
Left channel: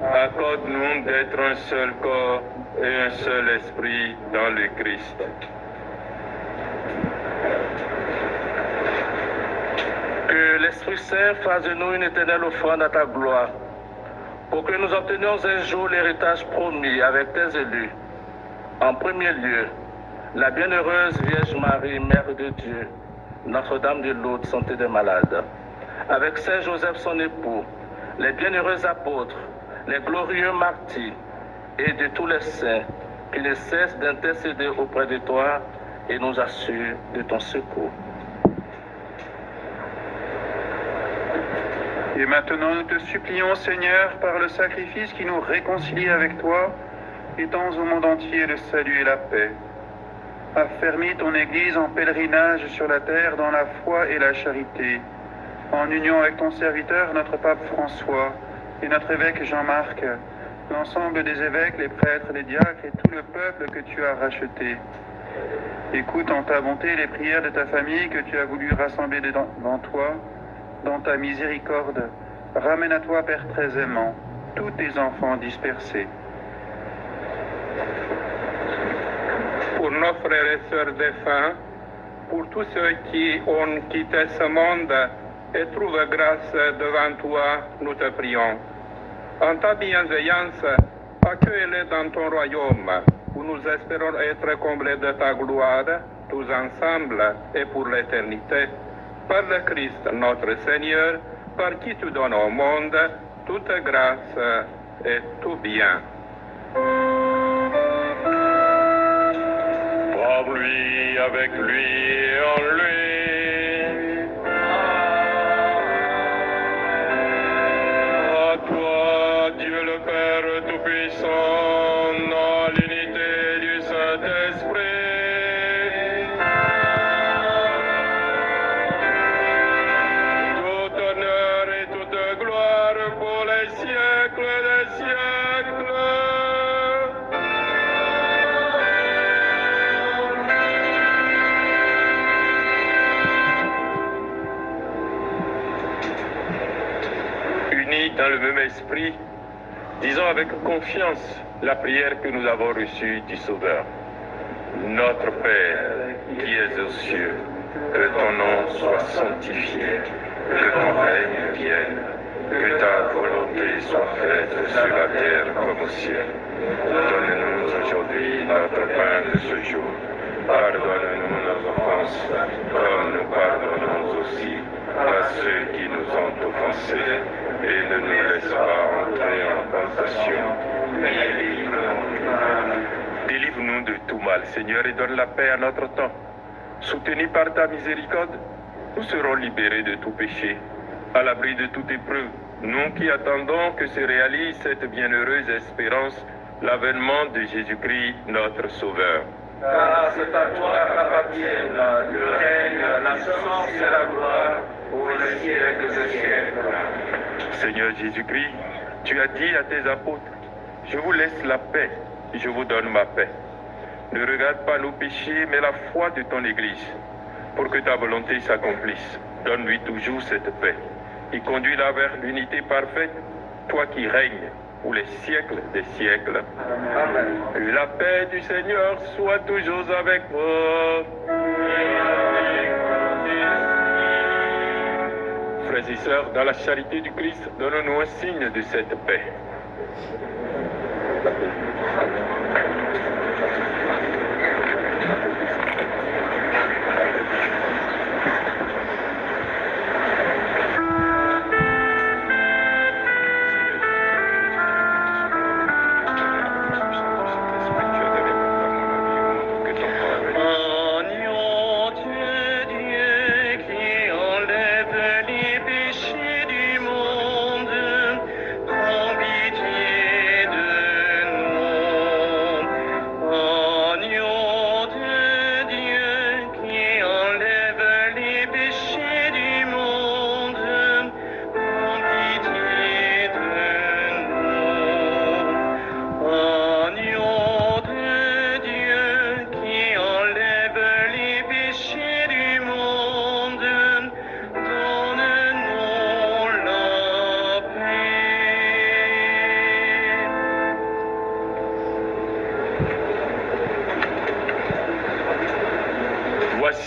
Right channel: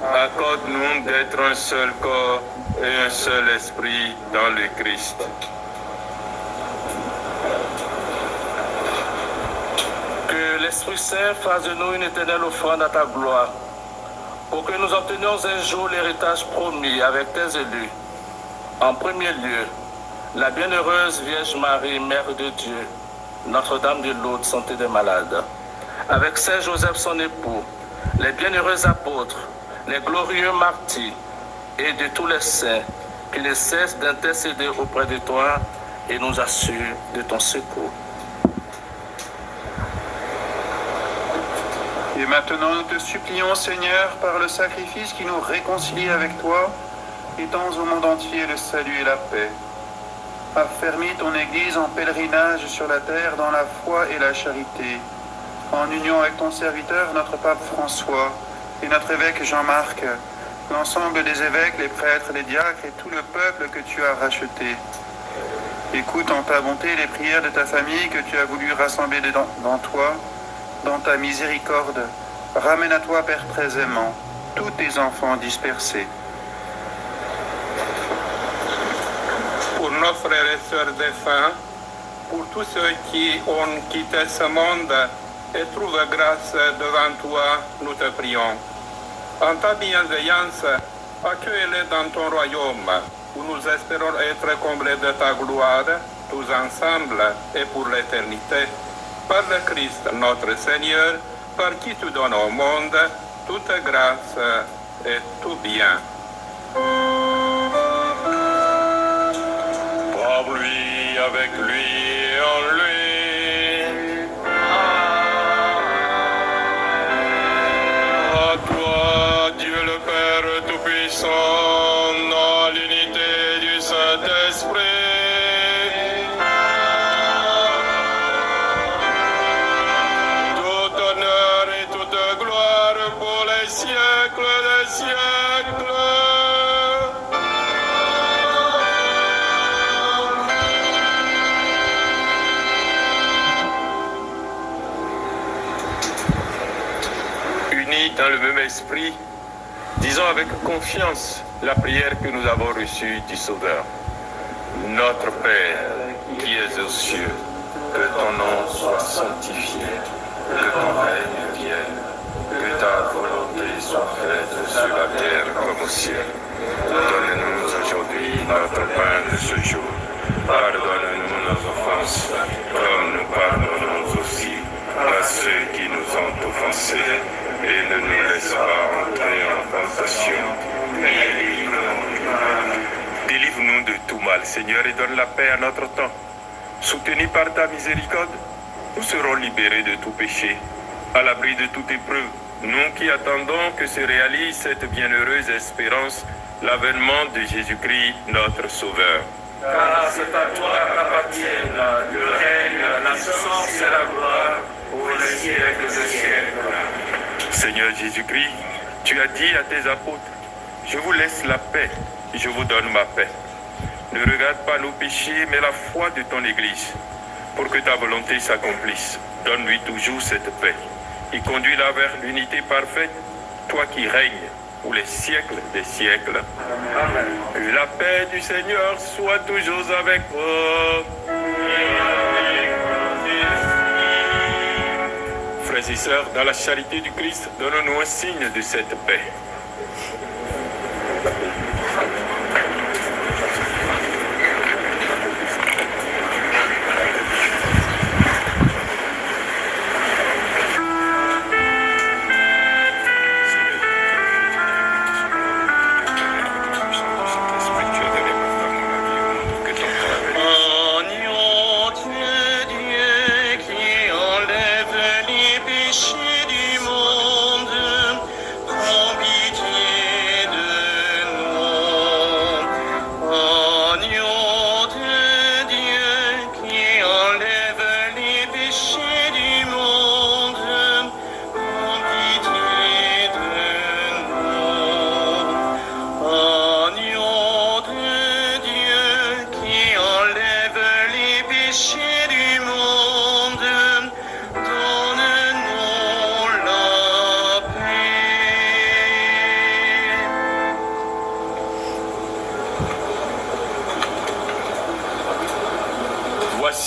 accorde-nous d'être un seul corps et un seul esprit dans le Christ. Que l'Esprit Saint fasse de nous une éternelle offrande à ta gloire, pour que nous obtenions un jour l'héritage promis avec tes élus. En premier lieu, la bienheureuse Vierge Marie, Mère de Dieu, Notre-Dame de Lourdes, Santé des malades, avec Saint Joseph son époux, les bienheureux apôtres, les glorieux martyrs et de tous les saints qui ne cessent d'intercéder auprès de toi et nous assurent de ton secours. Et maintenant, nous te supplions, Seigneur, par le sacrifice qui nous réconcilie avec toi, étends au monde entier le salut et la paix. Affermis ton Église en pèlerinage sur la terre dans la foi et la charité, en union avec ton serviteur, notre pape François, et notre évêque Jean-Marc, l'ensemble des évêques, les prêtres, les diacres et tout le peuple que tu as racheté. Écoute en ta bonté les prières de ta famille que tu as voulu rassembler dans toi, dans ta miséricorde. Ramène à toi, Père très aimant, tous tes enfants dispersés. Pour nos frères et sœurs défunts, pour tous ceux qui ont quitté ce monde et trouvent grâce devant toi, nous te prions. En ta bienveillance, accueille-les dans ton royaume, où nous espérons être comblés de ta gloire, tous ensemble et pour l'éternité. Par le Christ notre Seigneur, par qui tu donnes au monde toute grâce et tout bien. Par lui, avec lui et en lui. À toi, Dieu le Père Tout-Puissant, dans l'unité du Saint-Esprit. Tout honneur et toute gloire pour les siècles des siècles. Unis dans le même esprit, disons avec confiance la prière que nous avons reçue du Sauveur. Notre Père, qui es aux cieux, que ton nom soit sanctifié, que ton règne vienne, que ta volonté soit faite sur la terre comme au ciel. Donne-nous aujourd'hui notre pain de ce jour. Pardonne-nous nos offenses, comme nous pardonnons aussi à ceux qui nous ont offensés. Et ne nous laisse pas entrer en tentation, mais délivre-nous du mal. Délivre-nous de tout mal, Seigneur, et donne la paix à notre temps. Soutenus par ta miséricorde, nous serons libérés de tout péché, à l'abri de toute épreuve, nous qui attendons que se réalise cette bienheureuse espérance, l'avènement de Jésus-Christ, notre Sauveur. Car c'est à toi qu'appartiennent le règne, la puissance et la gloire pour les siècles des siècles. Seigneur Jésus-Christ, tu as dit à tes apôtres, je vous laisse la paix, je vous donne ma paix. Ne regarde pas nos péchés, mais la foi de ton Église, pour que ta volonté s'accomplisse. Donne-lui toujours cette paix et conduis-la vers l'unité parfaite, toi qui règnes pour les siècles des siècles. Amen. Que la paix du Seigneur soit toujours avec vous. Frères et sœurs, dans la charité du Christ, donnons-nous un signe de cette paix. Enlève les péchés du monde, remplis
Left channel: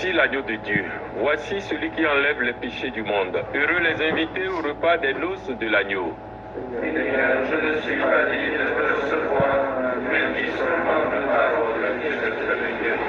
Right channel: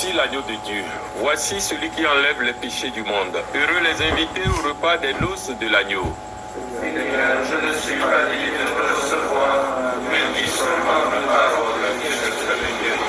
Voici l'agneau de Dieu. Voici celui qui enlève les péchés du monde. Heureux les invités au repas des noces de l'agneau. Seigneur, je ne suis pas digne de te recevoir, mais dis seulement une parole que je serai guéri.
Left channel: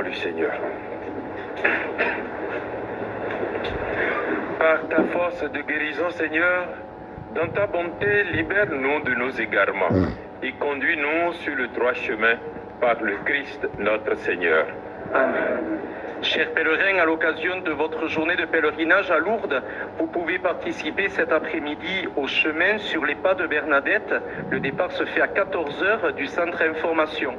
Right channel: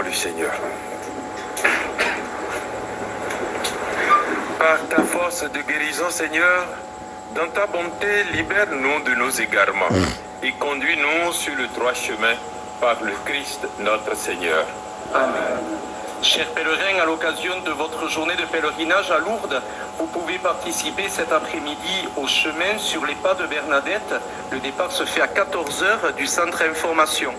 parole du Seigneur. Par ta force de guérison, Seigneur, dans ta bonté, libère-nous de nos égarements et conduis-nous sur le droit chemin par le Christ notre Seigneur. Amen. Chers pèlerins, à l'occasion de votre journée de pèlerinage à Lourdes, vous pouvez participer cet après-midi au chemin sur les pas de Bernadette. Le départ se fait à 14h du centre information.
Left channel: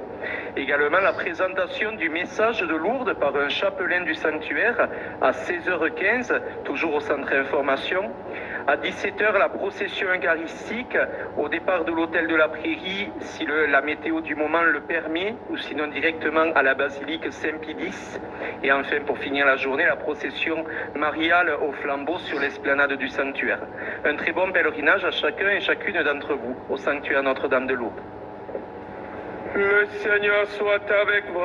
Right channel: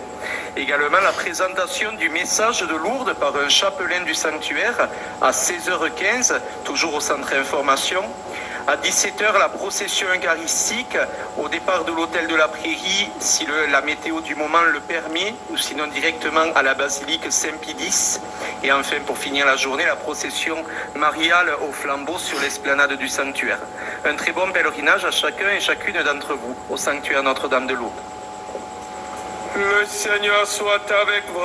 Également la présentation du message de Lourdes par un chapelain du sanctuaire à 16h15, toujours au centre information. À 17h, la procession eucharistique au départ de l'hôtel de la Prairie, si la météo du moment le permet, ou sinon directement à la basilique Saint-Pie-X. Et enfin, pour finir la journée, la procession mariale au flambeau sur l'esplanade du sanctuaire. Un très bon pèlerinage à chacun et chacune d'entre vous au sanctuaire Notre-Dame de Lourdes. Le Seigneur soit avec vous.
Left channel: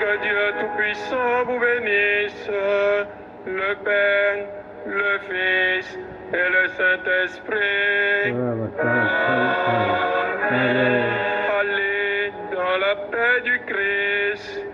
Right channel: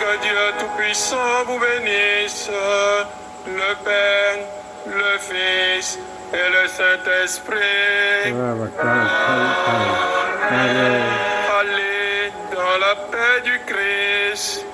Que Dieu Tout-Puissant vous bénisse, le Père, le Fils et le Saint-Esprit. Allez dans la paix du Christ.